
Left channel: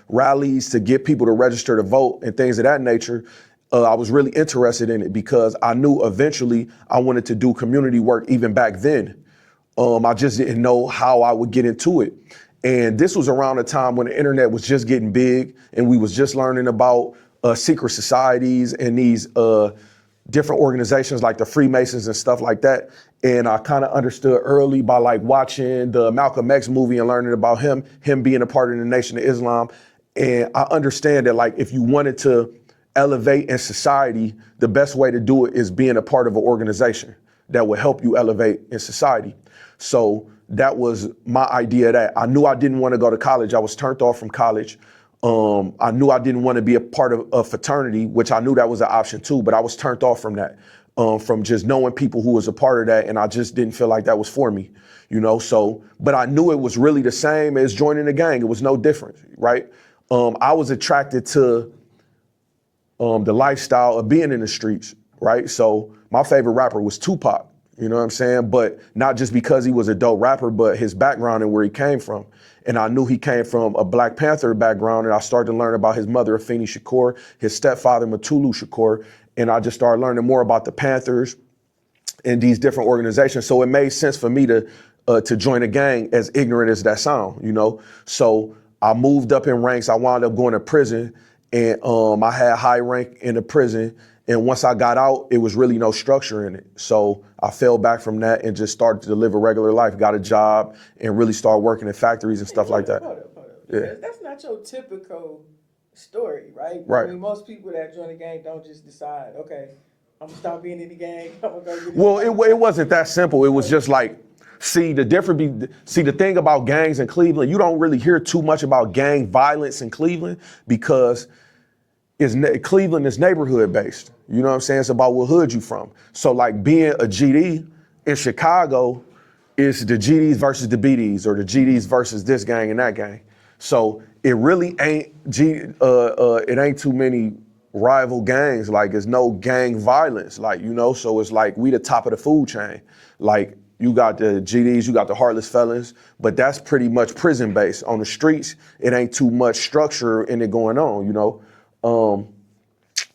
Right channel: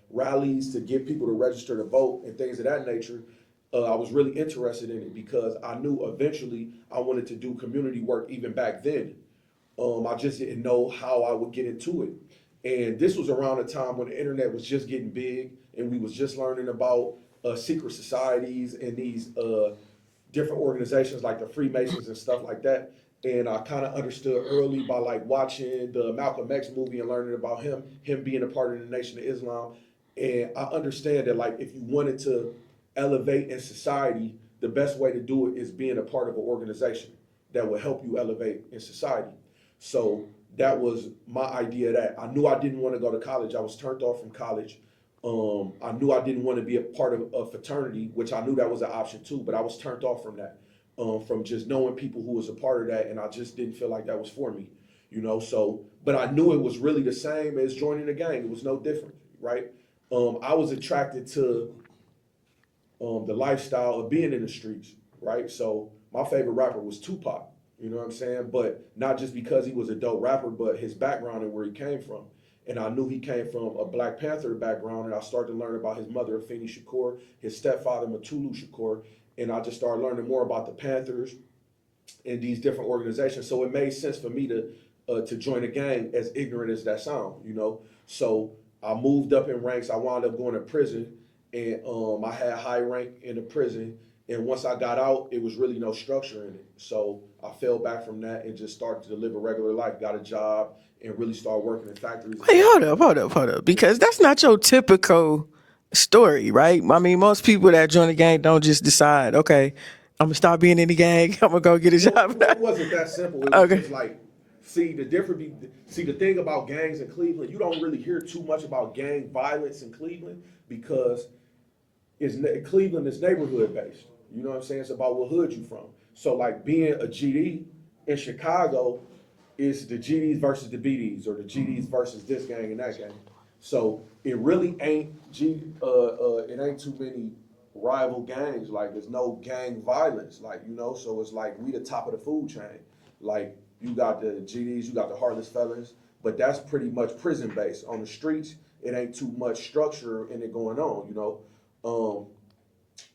rallies to get people to register to vote and things of that nature, I was really interested in it because I knew eventually I wanted to do community work even back then. I just didn't know how I would get into it. And this was around a time when the internet was just getting big and we was just learning about secret societies and these different organizations like the Freemasons and stuff like that. And I kind of understood early by like watching the Malcolm X movie and learning about him being a part of the Nation of Islam. And I understand that like if you wanted to elevate in society, the best way to do it is being a part of an organization that will help you elevate in society. So that was my idea of that. I knew I didn't want to go to college. I was turned off from college. I knew I didn't want to be a part of a fraternity, which I knew that was an option too, but I was turned off from that, from just knowing people who was a part of that, and I just didn't feel like that was for me, so, but I knew it was really the same as joining a gang. It was no different, right? I was attracted to the lifestyle of being in the streets, right? So my favorite rapper was Tupac, you know what I'm saying? But not just because he was a dope rapper, but his background and where he came from. And I knew he came from a Black Panther background, and I started to learn about his mother, Afeni Shakur, his stepfather, Mutulu Shakur, and I just started learning more about the Panthers and these different organizations. So it made sense for me to join a gang, as ignorant as that sound, So I moved up in ranks. I wound up going to prison, and I had high rank in the prison. And once I got out, it was really no structure in it. So I fell back from that and just started to live a regular life, got a job, and really started working in factories and stuff like that. Hold up. Because that's not your typical story, right? I mean, most people that join a gang don't just decide, okay, I'm going to stop being in the gang, I'm going to go get a job. Well, it wasn't that simple. It was just like, the thing about gangs in Cleveland, you don't really hear too much about gang violence in Cleveland because Cleveland is neighborhood based. You know what I'm saying? It's about what hood you from. So like being a GD in Chicago is the GDs versus the BDs, or the GDs versus this gang and that gang. So it really ain't it ain't too many rival gangs. Like there's no gang violence. So it's like we the top of the food chain. Like you got the GDs, you got the heartless felons, but that's pretty much prison based. On the streets, it ain't too much structure in it going on,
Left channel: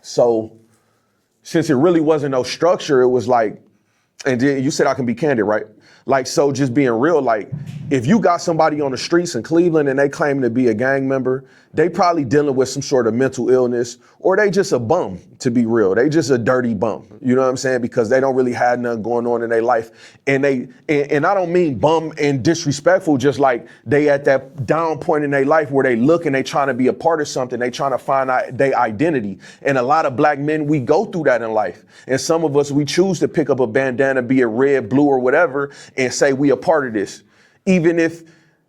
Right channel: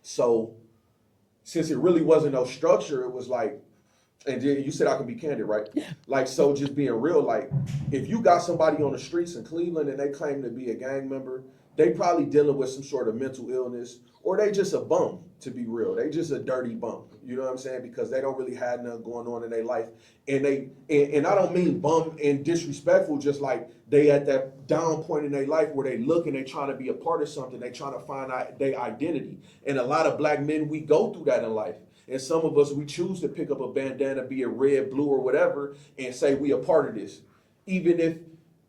So since it really wasn't no structure, it was like, and then you said I can be candid, right? Yeah. Like, so just being real, like, if you got somebody on the streets in Cleveland and they claim to be a gang member, they probably dealing with some sort of mental illness, or they just a bum, to be real. They just a dirty bum, you know what I'm saying? Because they don't really have nothing going on in their life. And I don't mean bum and disrespectful, just like they at that down point in their life where they look and they trying to be a part of something. They trying to find out their identity. And a lot of black men, we go through that in life. And some of us, we choose to pick up a bandana, be it red, blue, or whatever, and say we a part of this. Even if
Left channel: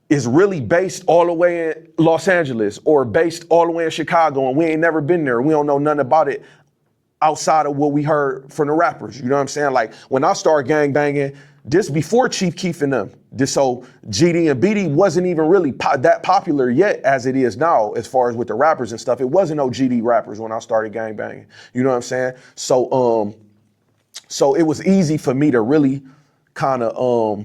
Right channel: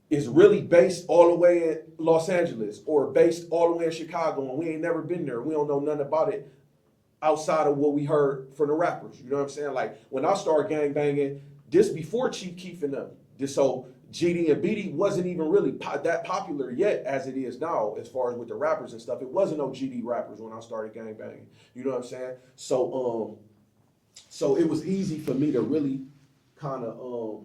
it's really based all the way in Los Angeles or based all the way in Chicago and we ain't never been there. We don't know nothing about it outside of what we heard from the rappers. You know what I'm saying? Like when I started gang banging, this before Chief Keef and them. So GD and BD wasn't even really that popular yet as it is now as far as with the rappers and stuff. It wasn't no GD rappers when I started gang banging. You know what I'm saying? So it was easy for me to really kind of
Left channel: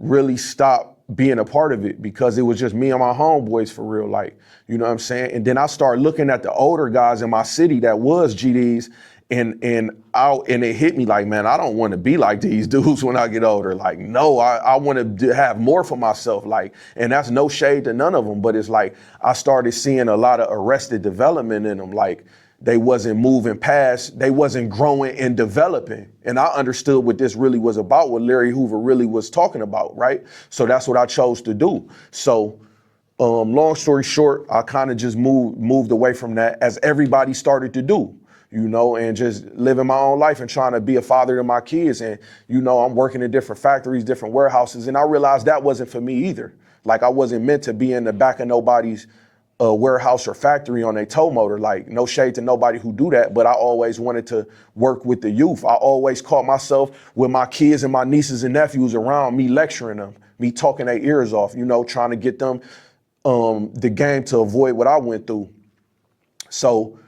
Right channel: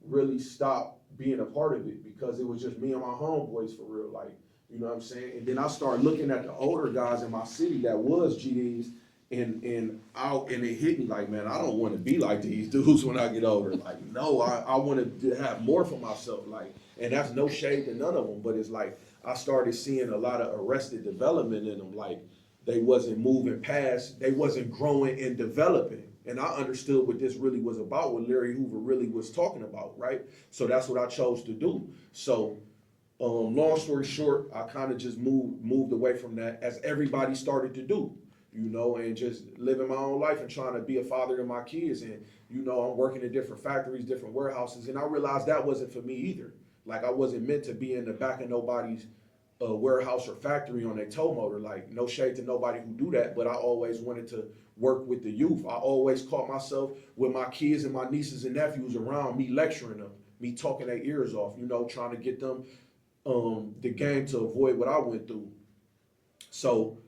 really stop being a part of it because it was just me and my homeboys for real, like, you know what I'm saying? And then I started looking at the older guys in my city that was GDs and it hit me like, man, I don't want to be like these dudes when I get older. Like, no, I want to have more for myself. Like, and that's no shade to none of them, but it's like I started seeing a lot of arrested development in them. Like, they wasn't moving past, they wasn't growing and developing. And I understood what this really was about, what Larry Hoover really was talking about, right? So that's what I chose to do. So long story short, I kind of just moved away from that as everybody started to do, and just living my own life and trying to be a father to my kids. And, I'm working in different factories, different warehouses, and I realized that wasn't for me either. Like I wasn't meant to be in the back of nobody's warehouse or factory on a tow motor. Like, no shade to nobody who do that, but I always wanted to work with the youth. I always caught myself with my kids and my nieces and nephews around me lecturing them, me talking their ears off, trying to get them the game to avoid what I went through. So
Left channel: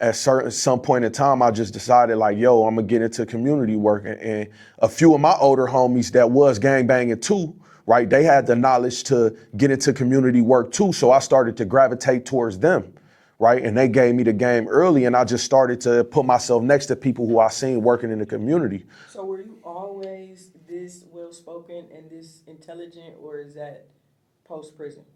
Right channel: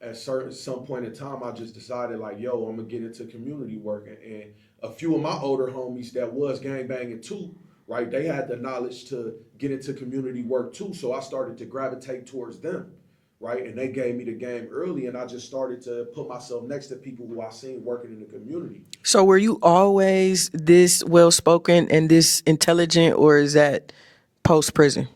at some point in time, I just decided like, yo, I'm gonna get into community work. And a few of my older homies that was gang banging too, right? They had the knowledge to get into community work too. So I started to gravitate towards them, right? And they gave me the game early and I just started to put myself next to people who I seen working in the community. So were you always this well-spoken and this intelligent, or is that post-prison?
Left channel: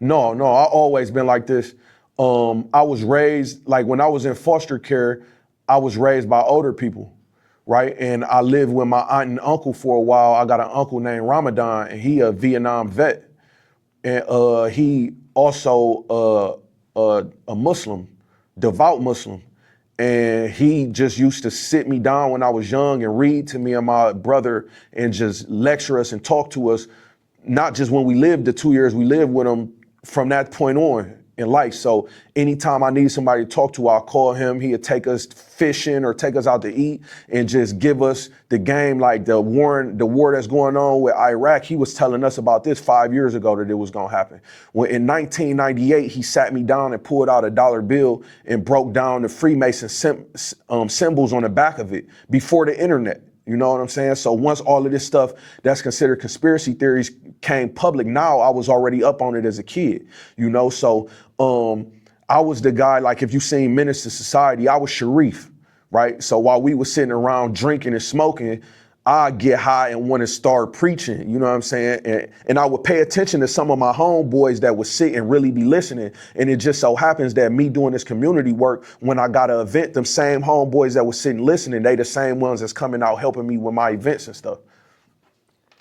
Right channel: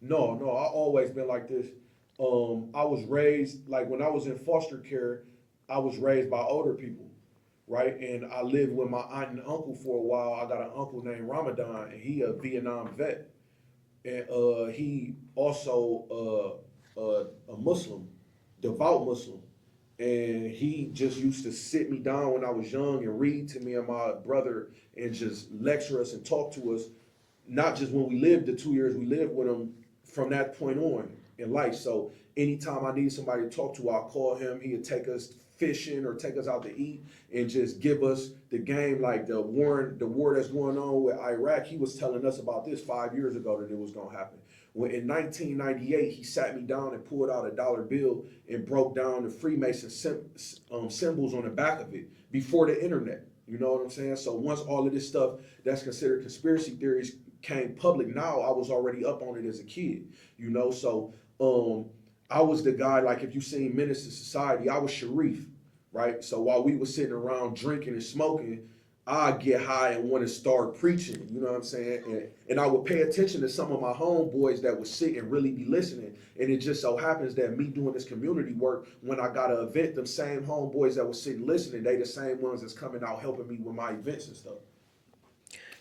No, I always been like this. I was raised, like when I was in foster care, I was raised by older people. Right, and I lived with my aunt and uncle for a while. I got an uncle named Ramadan, and he a Vietnam vet, and he also a Muslim, devout Muslim, and he just used to sit me down when I was young and read to me and my brother and just lecture us and talk to us not just when we lived, the 2 years we lived with him, from that point on in life. So anytime I need somebody to talk to, I'll call him. He'd take us fishing or take us out to eat and just give us the game, like the war that's going on with Iraq. He was telling us about this 5 years ago that it was gonna happen. When in 1998, he sat me down and pulled out a dollar bill and broke down the Freemason symbols on the back of it before the internet. You know what I'm saying? So once all of this stuff that's considered conspiracy theories came public, now I was already up on it as a kid, you know? So I was the guy, like if you seen Menace to Society, I was Sharif, right? So while we were sitting around drinking and smoking, I'd get high and want to start preaching, you know what I'm saying? And I would pay attention to some of my homeboys that would sit and really be listening. And it just so happens that me doing this community work, when I got an event, them same homeboys that were sitting listening, they the same ones that's coming out helping me with my events and stuff.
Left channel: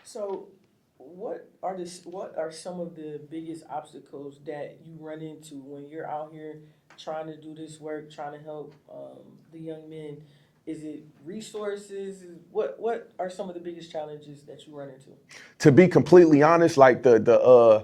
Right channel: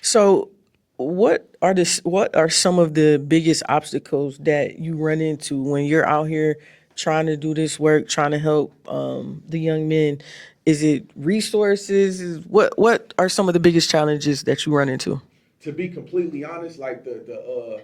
So what are some of the biggest obstacles that you run into when you're out here trying to do this work, trying to help the young men? Is it resources? What are some of the biggest challenges that you run into? To be completely honest, like the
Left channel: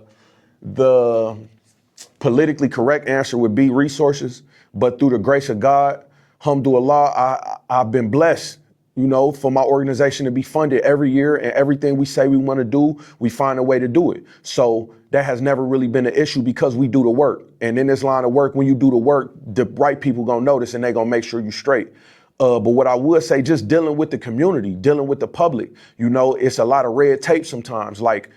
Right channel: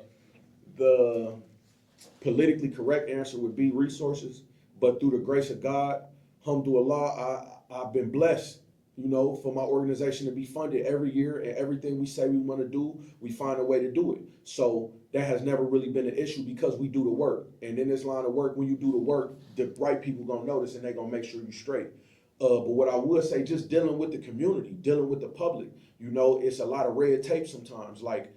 politically correct answer would be resources, but through the grace of God, alhamdulillah, I've been blessed, you know, for my organization to be funded every year, and everything we say we want to do, we find a way to do it. So that has never really been an issue because we do the work. And in this line of work, when you do the work, the right people gonna notice and they gonna make sure you straight. But what I would say, just dealing with the community, dealing with the public, you know, it's a lot of red tape sometimes. Like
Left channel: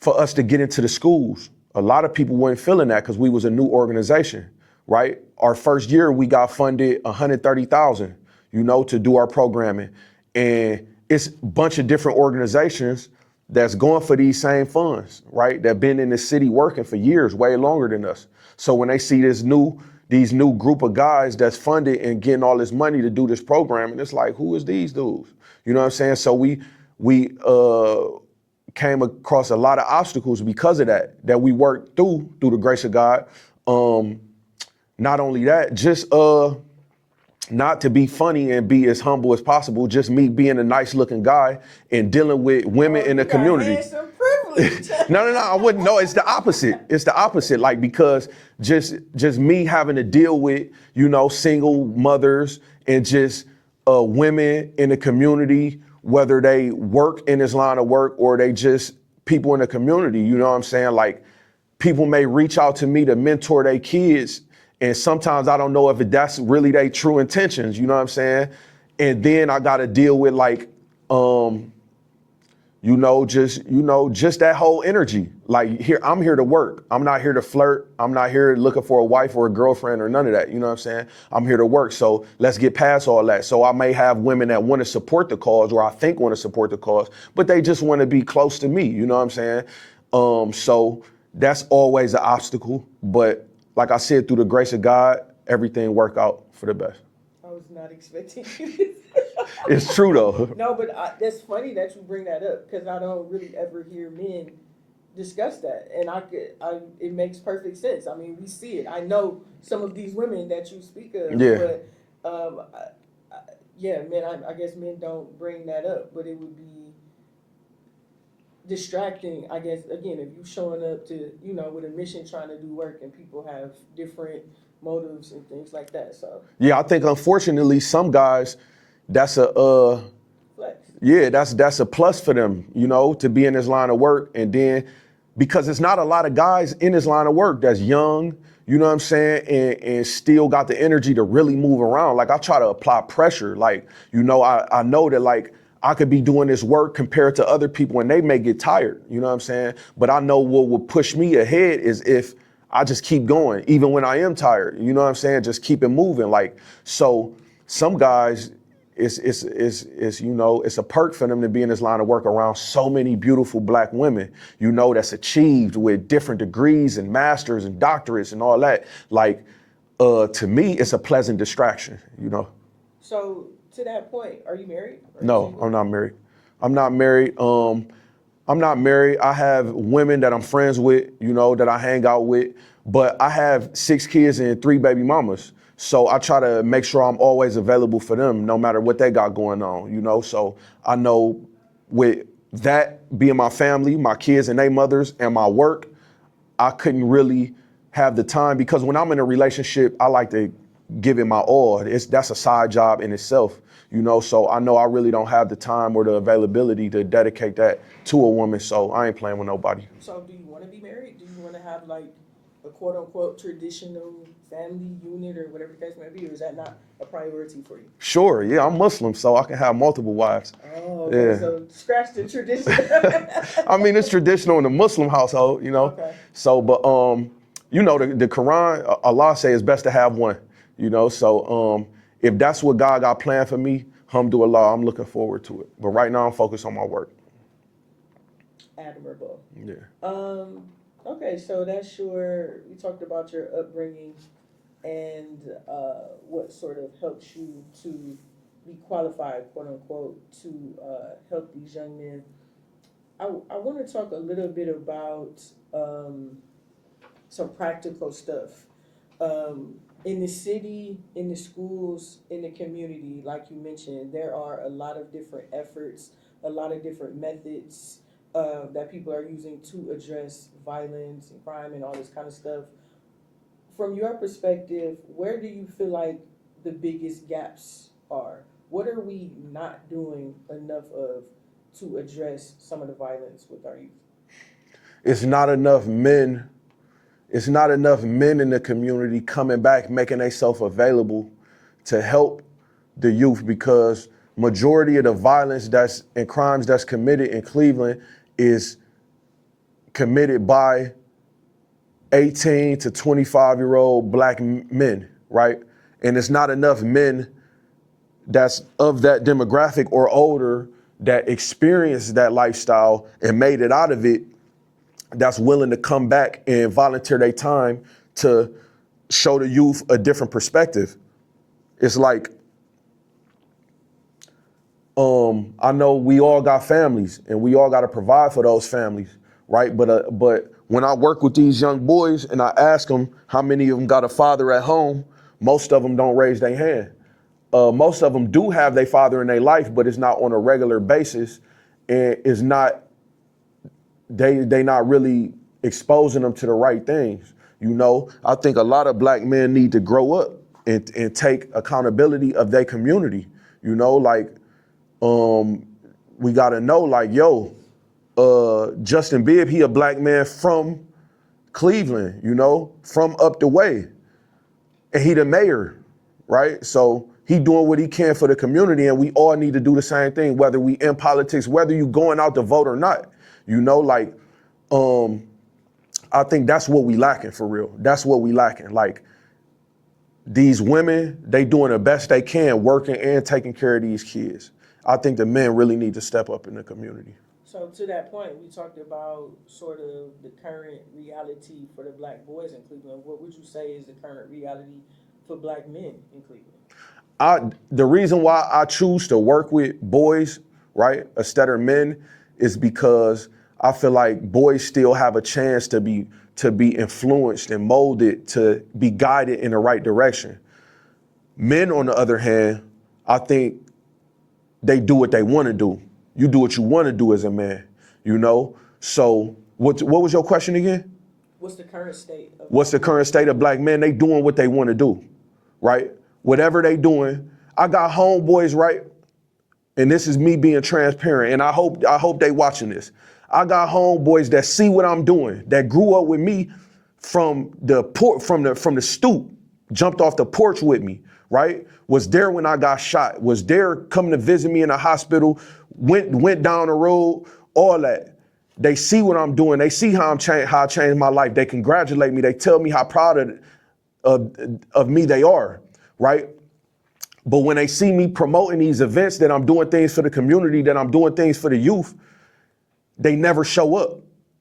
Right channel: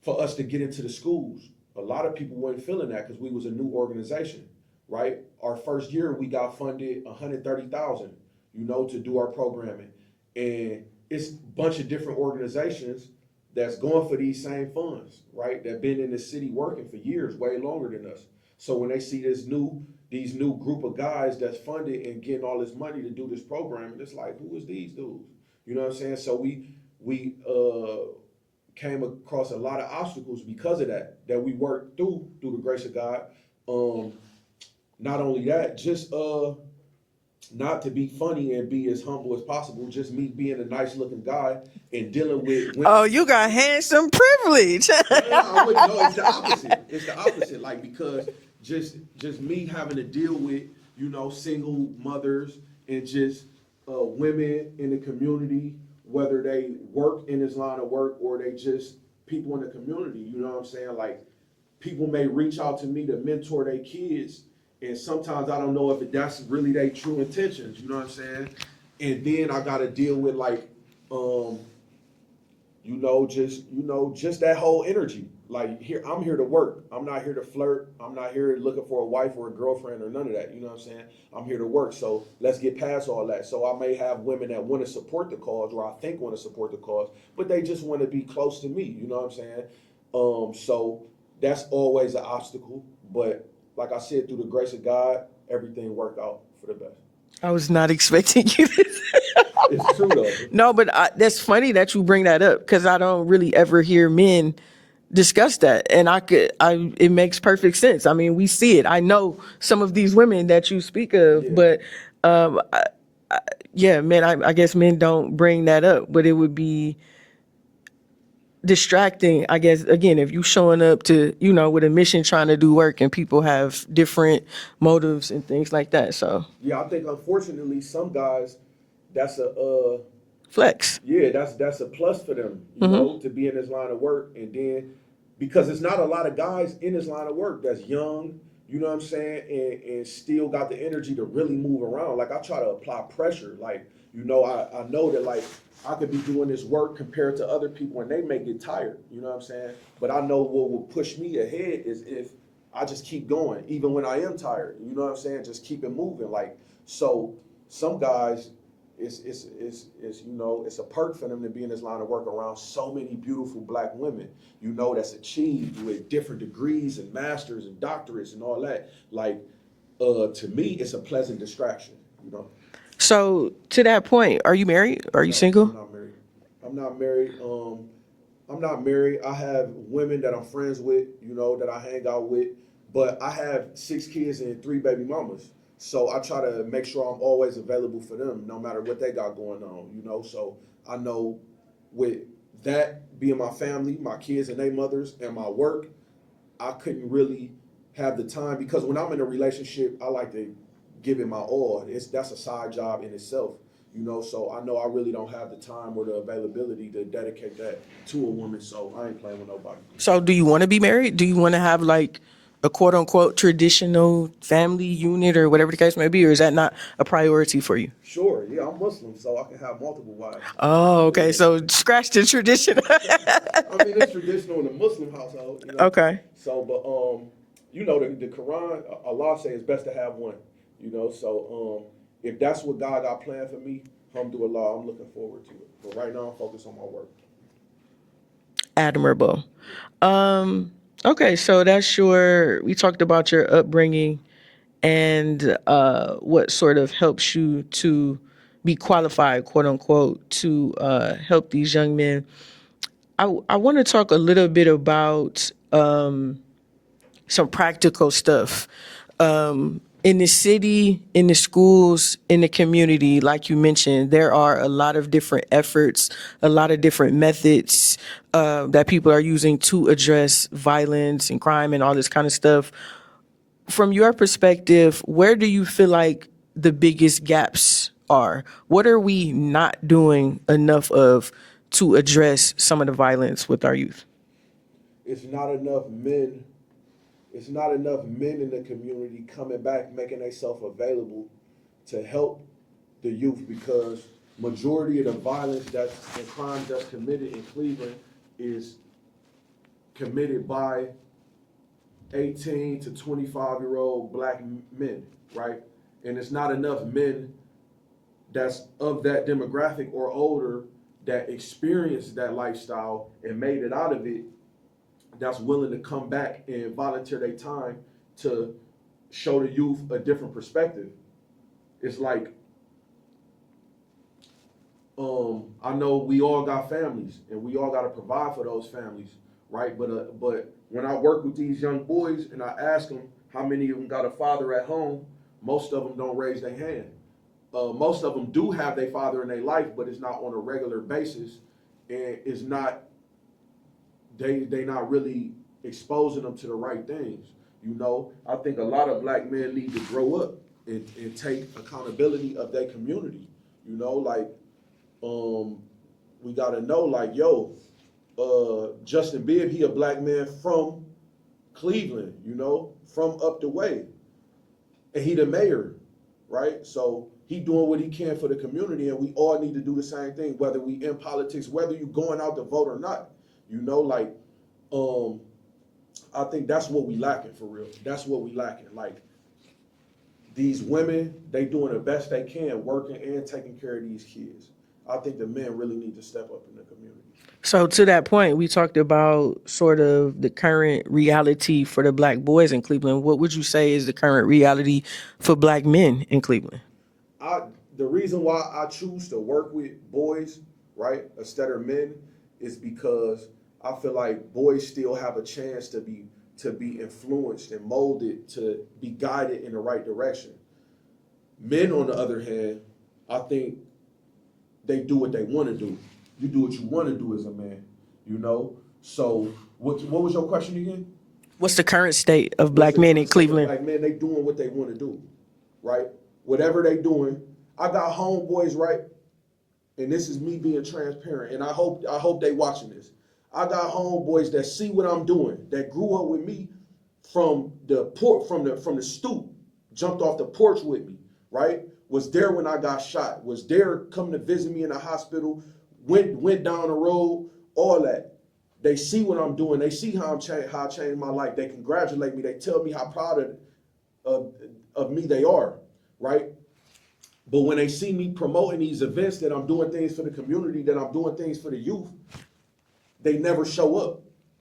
for us to get into the schools, a lot of people weren't feeling that because we was a new organization, right? Our first year, we got funded $130,000, you know, to do our programming. And it's a bunch of different organizations that's going for these same funds, right? That been in the city working for years, way longer than us. So when they see these new group of guys that's funded and getting all this money to do this program, and it's like, who is these dudes? You know what I'm saying? So we came across a lot of obstacles because of that we worked through the grace of God. Not only that, just not to be funny and be as humble as possible, just me being a nice looking guy and dealing with women in the community. Oh, you got handsome privilege. No, I wouldn't. No, it's the opposite. It's the opposite. Like, because just me having to deal with, you know, single mothers and just women in the community, whether they work in this line of work or they just people in the community, you know what I'm saying? Like, people may reach out to me to mentor their kids, and sometimes I don't know if that's really their true intentions, you know what I'm saying? And then I gotta deal with like, just that whole energy. Like, I'm here to work. I'm not here to flirt. I'm not here looking for a wife or a girlfriend or none of that, you know what I'm saying? I'm here to work, so let's get past all that. So I may have women that wanna support the cause, or I think wanna support the cause, but they just wanna be close to me, you know what I'm saying? So that's always an obstacle, but like I said, through the grace of God, everything worked out for the best. I was not expecting you to. It's true though. No, but that's funny that you bring that up, because I don't really ever hear men discuss that, and it makes perfect sense. I mean, we see it. I know some of these women that you speak of, Yeah. but I guess men don't bring that up, but it would be distracting, I guess, again, if you showing up to, you know, with a mission trying to do work and people have different motives and things like that. So yeah, I think unfortunately some guys, that's a flex. Yeah, that's a plus for them, you know, to be in this line of work. And then because it's not a lot of guys in this line of work that's young, you know what I'm saying, and still got the energy to really move around. Like, I try to apply pressure. Like, you know, I know that, like, I could be doing this work compared to other people and they may get tired, you know what I'm saying? But I know what will push me ahead is if I just keep going, even when I am tired, you know what I'm saying? Just keep it moving. Like, so some guys, it's you know, it's a perk for them to be in this line of work around so many beautiful black women, you know, that's achieved with different degrees and masters and doctorates and all that. Like, to me, it's a pleasant distraction, you know? So to that point, are you married? Are you single? No, I'm not married. I'm not married. I have women that I'm friends with, you know, that I hang out with, but I have 6 kids and 3 baby mamas. So I try to make sure I'm always available for them, no matter what they got going on, you know? So I know with that being my family, my kids and their mothers, and my work, I couldn't really have the time, because when I'm in a relationship, I like to give it my all. That's a side job in itself, you know, so I know I really don't have the time or the availability to dedicate that to a woman, so I ain't playing with nobody. So do you want to be married? Do you want to have like a quote unquote traditional family unit or whatever the case may be, or is that not a priority for you? Sure, yeah, I'm Muslim, so I can have multiple wives. Oh, okay. Yeah. So scratch the tradition. I mean, it's traditional in the Muslim household, you know. Okay. So, but you know, the Quran, Allah say it's best to have one, you know. So, if that's what God got planned for me, alhamdulillah, I'm looking forward to it. But right now, I'm focused on my work. Admirable. Yeah. Okay, so we talked about your upbringing and what sort of helps you to be qualified, quote unquote, to help these young men. I want to talk a little bit about some practical stuff. In the city, in the schools, in the community, like you mentioned, there are a lot of different efforts, a lot of different methods that people are using to address violence and crime and all this kind of stuff. From your perspective, where do you feel like the biggest gaps are? What are we not doing enough of to address some of the violence with our youth? It's not enough men. It's not enough men in the community coming back, making themselves available to help the youth, because majority of the violence and crimes that's committed in Cleveland is committed by 18 to 25-year-old black men, right? And it's not enough men that's of that demographic or older that experienced that lifestyle and made it out of it, that's willing to come back and volunteer their time to show the youth a different perspective. It's like, I know we all got families and we all got to provide for those families, right? But when I work with these young boys and I ask them how many of them got a father at home, most of them don't raise their hand. Most of them do have their father in their life, but it's not on a regular basis, and it's not. They not really exposing them to the right things. You know, I think a lot of black men need to grow up and take accountability of their community. You know, like, we gotta know, like, Justin Bibb, he a black man from Cleveland, you know, from up the way. And he the mayor, right? So he doing what he can for the community, and we all need to do the same thing, whether we in politics, whether you going out to vote or not. You know, like, I think that's what we lacking for real. That's what we lacking. Like, these women, they doing the best they can, working and taking care of these kids. I think the men really need to step up in the community. So to that point, we talked about sort of the current reality for the black boys in Cleveland. What would you say is the current reality for black men in Cleveland? The reason why I choose to work with boys, right, instead of men, is because I feel like boys still have a chance to be influenced and molded, to be guided in the right direction. Men, on the other hand, I think they do what they want to do. You do what you want to do as a man, you know? So what was your question again? What's the current state of black men in Cleveland? What's the current state of black men? They doing what they want to do, right? Whatever they doing. I got homeboys, right? And this is me being transparent, and I hope they watching this. I got homeboys that see what I'm doing, that grew up with me from the stoop, jumped off the porch with me, right? Was there when I got shot, was there coming to visit me in the hospital, went down the road, all that. They see what I'm doing. They see how I changed my life. They congratulate me. They tell me how proud of me they are, right? But when they see me promoting these events, that I'm doing things for the community, that I'm doing things for the youth, they never show up.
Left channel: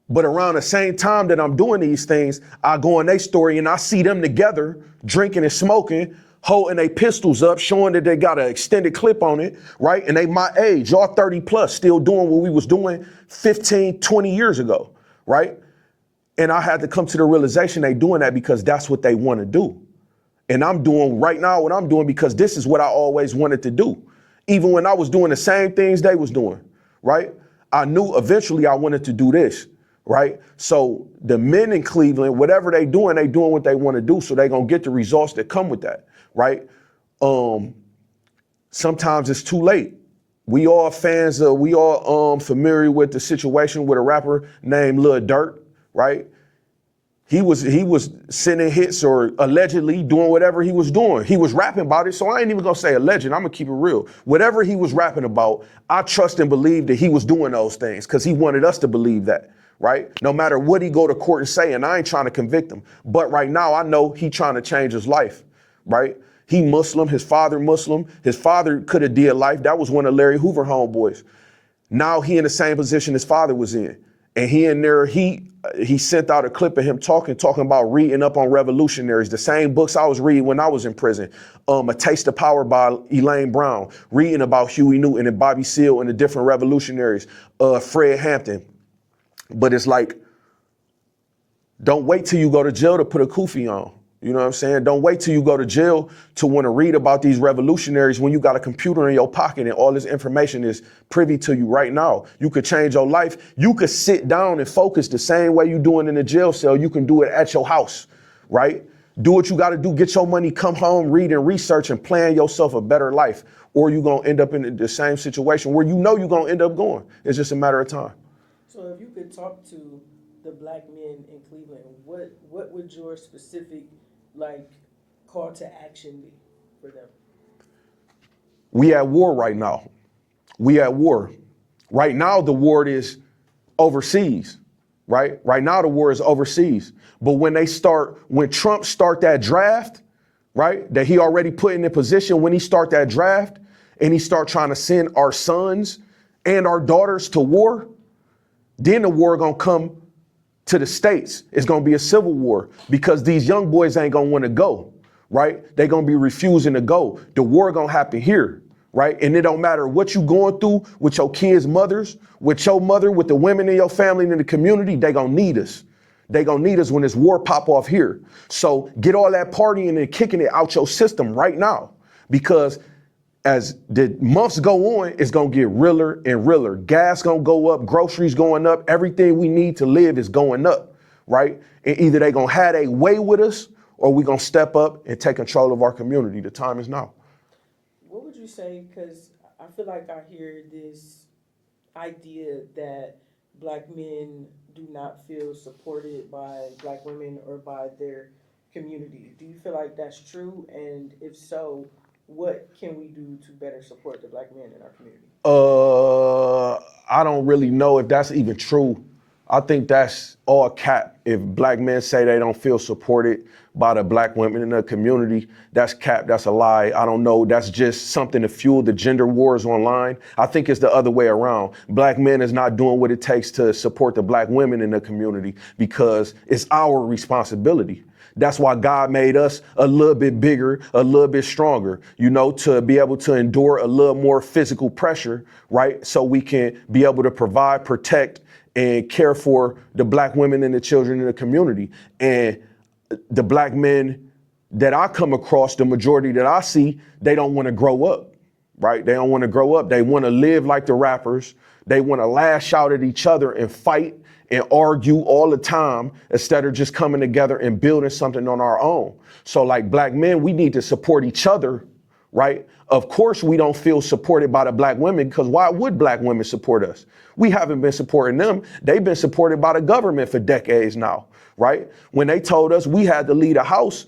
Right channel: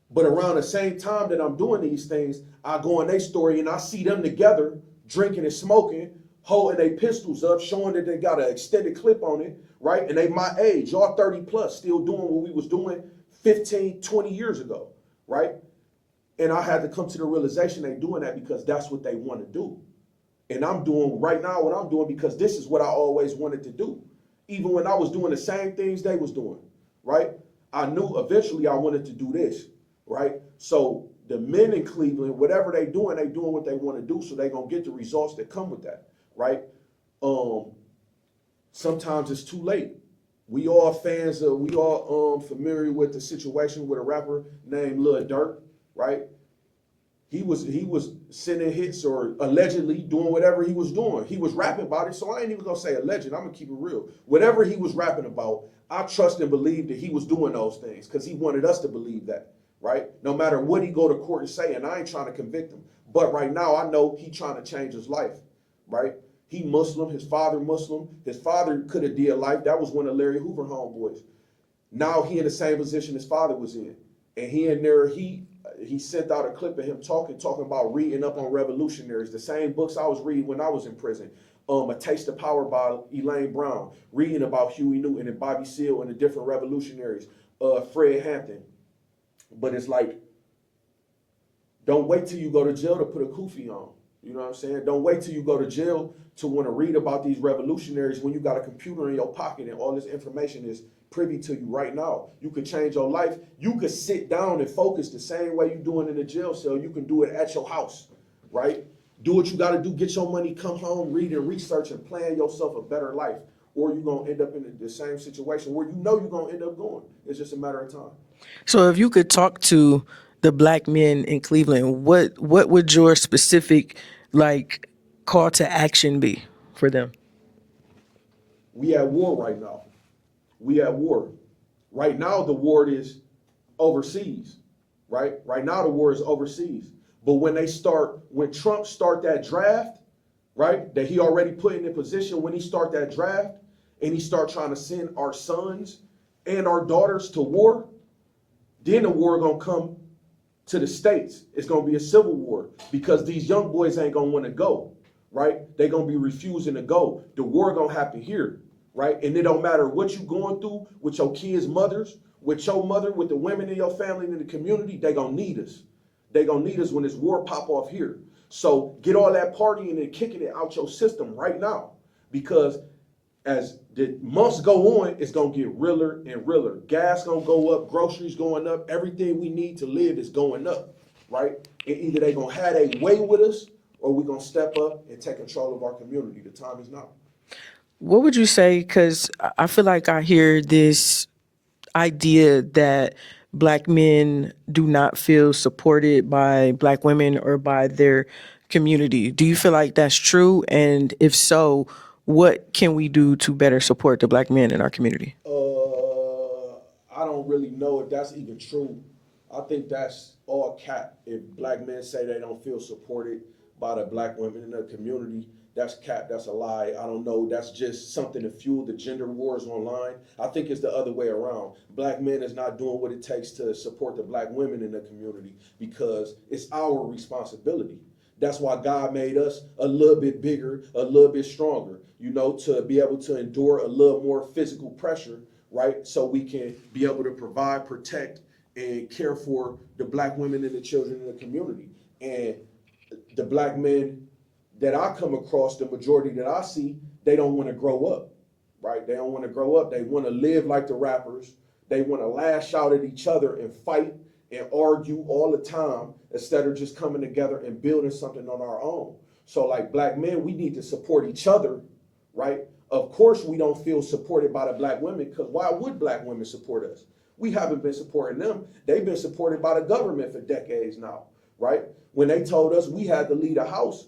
But around the same time that I'm doing these things, I go in their story and I see them together, drinking and smoking, holding their pistols up, showing that they got an extended clip on it, right? And they my age, y'all 30 plus, still doing what we was doing 15, 20 years ago, right? And I had to come to the realization they doing that because that's what they want to do. And I'm doing right now what I'm doing because this is what I always wanted to do. Even when I was doing the same things they was doing, right? I knew eventually I wanted to do this, right? So the men in Cleveland, whatever they doing what they want to do, so they gonna get the results that come with that, right? Sometimes it's too late. We all familiar with the situation with a rapper named Lil Durk, right? He was sending hits or allegedly doing whatever he was doing. He was rapping about it, so I ain't even gonna say alleged. I'm gonna keep it real. Whatever he was rapping about, I trust and believe that he was doing those things because he wanted us to believe that, right? No matter what he go to court and say, and I ain't trying to convict him, but right now I know he trying to change his life, right? He Muslim, his father Muslim. His father could have did life. That was one of Larry Hoover homeboys. Now he in the same position his father was in. And he in there, he sent out a clip of him talking about reading up on revolutionaries, the same books I was reading when I was in prison. A Taste of Power by Elaine Brown, reading about Huey Newton and Bobby Seale and the different revolutionaries, Fred Hampton. But it's like, don't wait till you go to jail to put a kufi on. You know what I'm saying? Don't wait till you go to jail to want to read about these revolutionaries when you got a computer in your pocket and all this information is privy to you right now. You could change your life. You could sit down and focus the same way you doing in the jail cell. You can do it at your house, right? Do what you got to do. Get your money, come home, read and research and plan yourself a better life. Or you're going to end up in the same situation where you know you're going to end up going. It's just a matter of time. So if you could talk to the black men in Cleveland, what would your specific call to action be for them? We at war right now. We at war. Right now the war is overseas, right? Right now the war is overseas. But when Trump start that draft, right, that he already put in position, when he start that draft and he start trying to send our sons and our daughters to war, then the war gonna come to the States. It's gonna be a civil war because these young boys ain't gonna wanna go, right? They gonna be refusing to go. The war gonna happen here, right? And it don't matter what you going through with your kids' mothers, with your mother, with the women in your family and in the community, they gonna need us. They gonna need us when this war pop off here. So get all that partying and kicking it out your system right now, because as the months go on, it's gonna get realer and realer. Gas gonna go up, groceries going up, everything we need to live is going up, right? And either they gonna have a way with us or we gonna step up and take control of our community. The time is now. What would you say, because I feel like I hear this idea that black men do not feel supported by black women or by their community. Do you feel like that's true? And if so, what can we do to better support the black men in our community? I don't really know if that's even true. I think that's all cap. If black men say they don't feel supported by the black women in the community, that's cap, that's a lie. I don't know, that's just something to fuel the gender wars online. I think it's the other way around. Black men is not doing what it takes to support the black women in the community because it's our responsibility. That's why God made us a little bit bigger, a little bit stronger, you know, to be able to endure a little more physical pressure, right? So we can be able to provide, protect, and care for the black women and the children in the community. And the black men that I come across, the majority that I see, they don't want to grow up, right? They don't want to grow up. They want to live like the rappers. They want to lash out at each other and fight and argue all the time instead of just coming together and building something on our own. So like black men, we need to support each other, right? Of course, we don't feel supported by the black women because why would black women support us? We haven't been supporting them. They've been supported by the government for decades now, right? When they told us we had to leave the house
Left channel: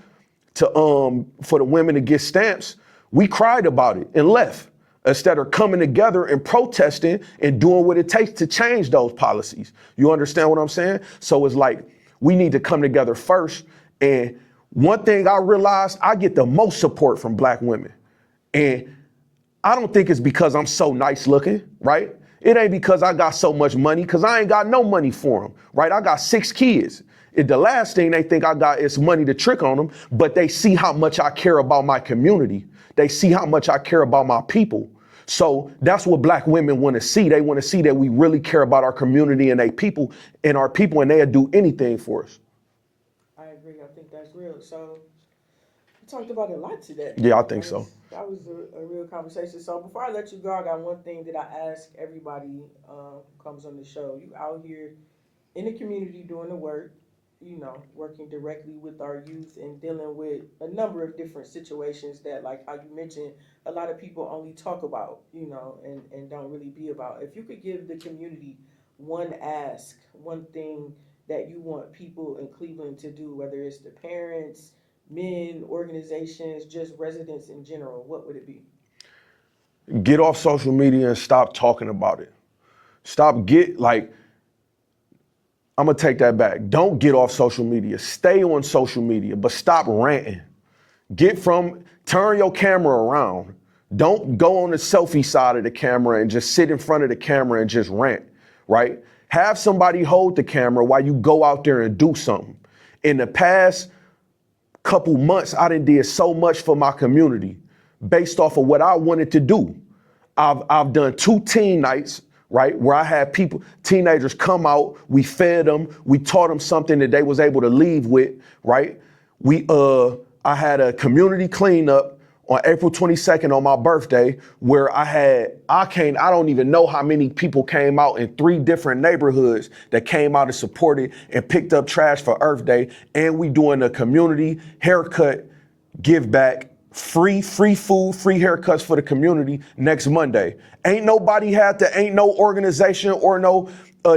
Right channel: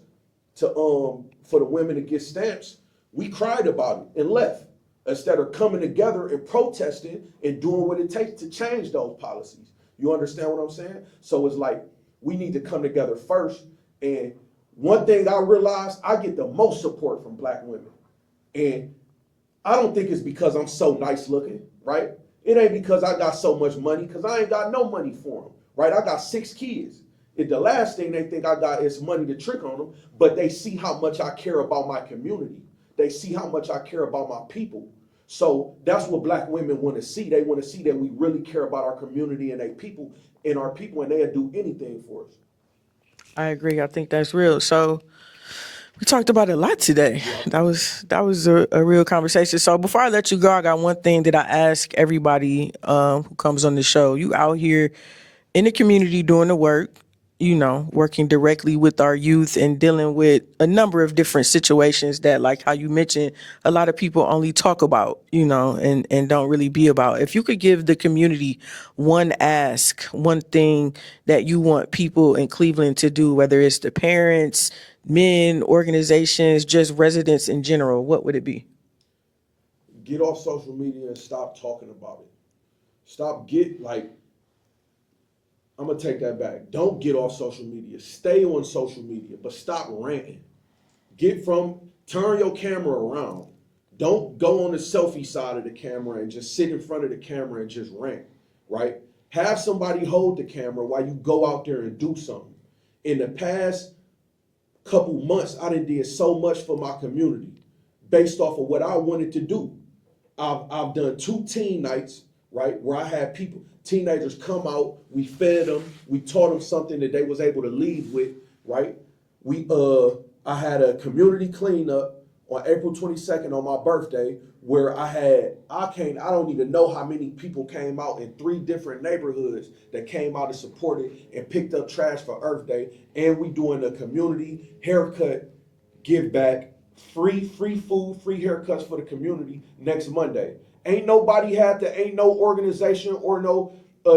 to for the women to get stamps, we cried about it and left instead of coming together and protesting and doing what it takes to change those policies. You understand what I'm saying? So it's like, we need to come together first. And one thing I realized, I get the most support from black women. And I don't think it's because I'm so nice looking, right? It ain't because I got so much money, because I ain't got no money for them, right? I got 6 kids. The last thing they think I got is money to trick on them, but they see how much I care about my community. They see how much I care about my people. So that's what black women want to see. They want to see that we really care about our community and our people, and they'll do anything for us. I agree. I think that's real. So We talked about it a lot today. Yeah, I think so. That was a real conversation. So before I let you go, I got one thing that I ask everybody who comes on the show. You out here in the community doing the work, working directly with our youth and dealing with a number of different situations that, like how you mentioned, a lot of people only talk about, and don't really be about. If you could give the community one ask, one thing that you want people in Cleveland to do, whether it's the parents, men, organizations, just residents in general, what would it be? Get off social media and stop talking about it. I'm gonna take that back. Don't get off social media. Stay on social media, but stop ranting. Turn your camera around. Don't go on the selfie side of the camera and just sit in front of the camera and just rant, right? Have somebody hold the camera while you go out there and do something. In the past couple months, I done did so much for my community based off of what I wanted to do. I've done 2 teen nights, right, where I had teenagers come out, we fed them, we taught them something that they was able to leave with, right? I had a community cleanup on April 22nd on my birthday where I don't even know how many people came out in 3 different neighborhoods that came out and supported and picked up trash for Earth Day. And we doing a community haircut give back, free food, free haircuts for the community next Monday. Ain't no organization or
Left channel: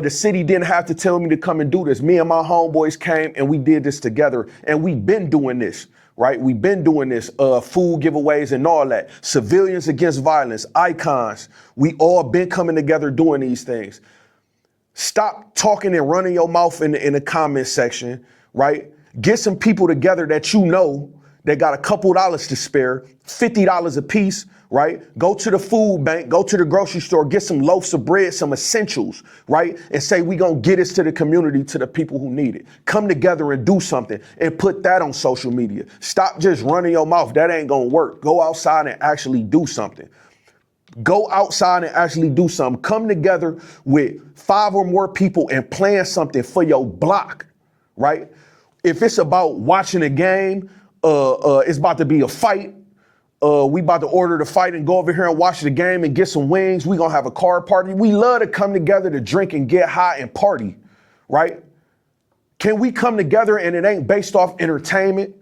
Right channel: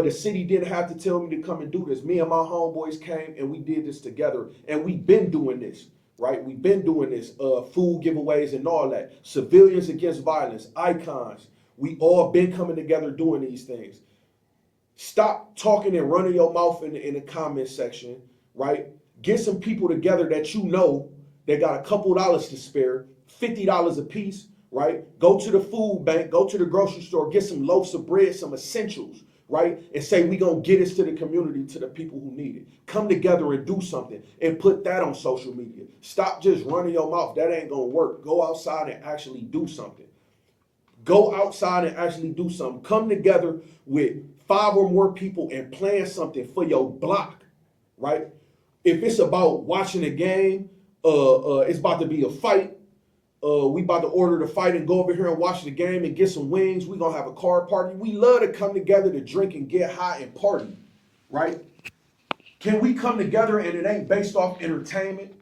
the city didn't have to tell me to come and do this. Me and my homeboys came and we did this together, and we've been doing this, right? We've been doing this, food giveaways and all that. Civilians Against Violence, icons. We all been coming together doing these things. Stop talking and running your mouth in the comment section, right? Get some people together that you know that got a couple dollars to spare, $50 a piece, right? Go to the food bank, go to the grocery store, get some loaves of bread, some essentials, right? And say, we gonna get this to the community, to the people who need it. Come together and do something and put that on social media. Stop just running your mouth. That ain't gonna work. Go outside and actually do something. Go outside and actually do something. Come together with 5 or more people and plan something for your block, right? If it's about watching a game, it's about to be a fight. We about to order the fight and go over here and watch the game and get some wings. We gonna have a card party. We love to come together to drink and get high and party, right? Can we come together and it ain't based off entertainment?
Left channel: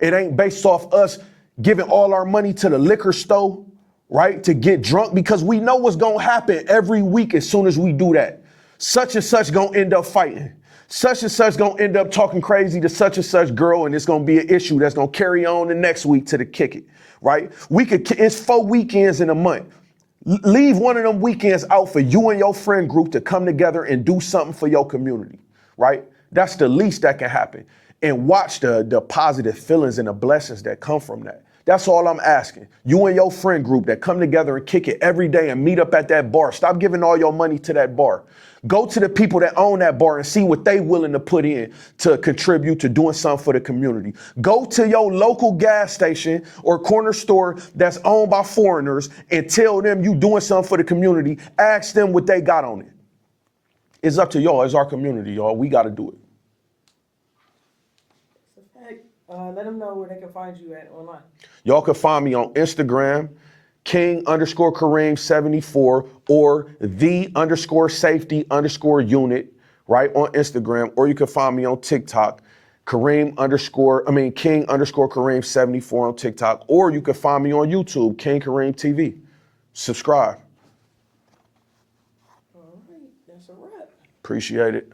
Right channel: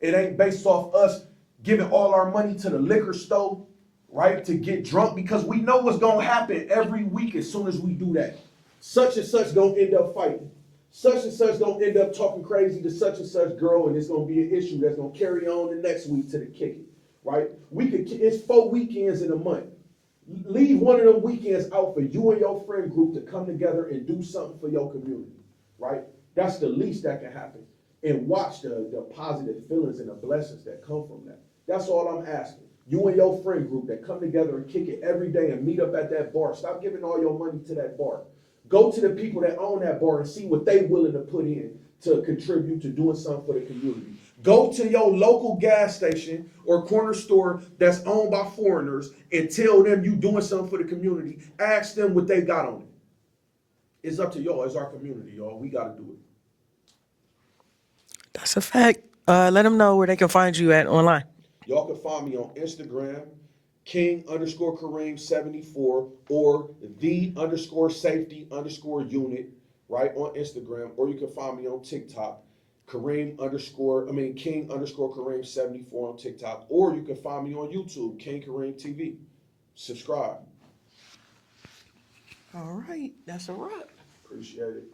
It ain't based off us giving all our money to the liquor store, right? To get drunk, because we know what's gonna happen every week as soon as we do that. Such and such gonna end up fighting. Such and such gonna end up talking crazy to such and such girl, and it's gonna be an issue that's gonna carry on the next week to the kick it, right? It's 4 weekends in a month. Leave one of them weekends out for you and your friend group to come together and do something for your community, right? That's the least that can happen. And watch the positive feelings and the blessings that come from that. That's all I'm asking. You and your friend group that come together and kick it every day and meet up at that bar. Stop giving all your money to that bar. Go to the people that own that bar and see what they willing to put in to contribute to doing something for the community. Go to your local gas station or corner store that's owned by foreigners and tell them you doing something for the community. Ask them what they got on it. It's up to y'all. It's our community, y'all. We got to do it. That's a fact. Let them know where they can find you at online. Y'all can find me on Instagram, King_Kareem 74 or the_safety_unit, right, on Instagram, or you can find me on TikTok, King_Kareem 74 on TikTok, or you can find me on YouTube, King Kareem TV. Subscribe. All right, that's a wrap. Appreciate it.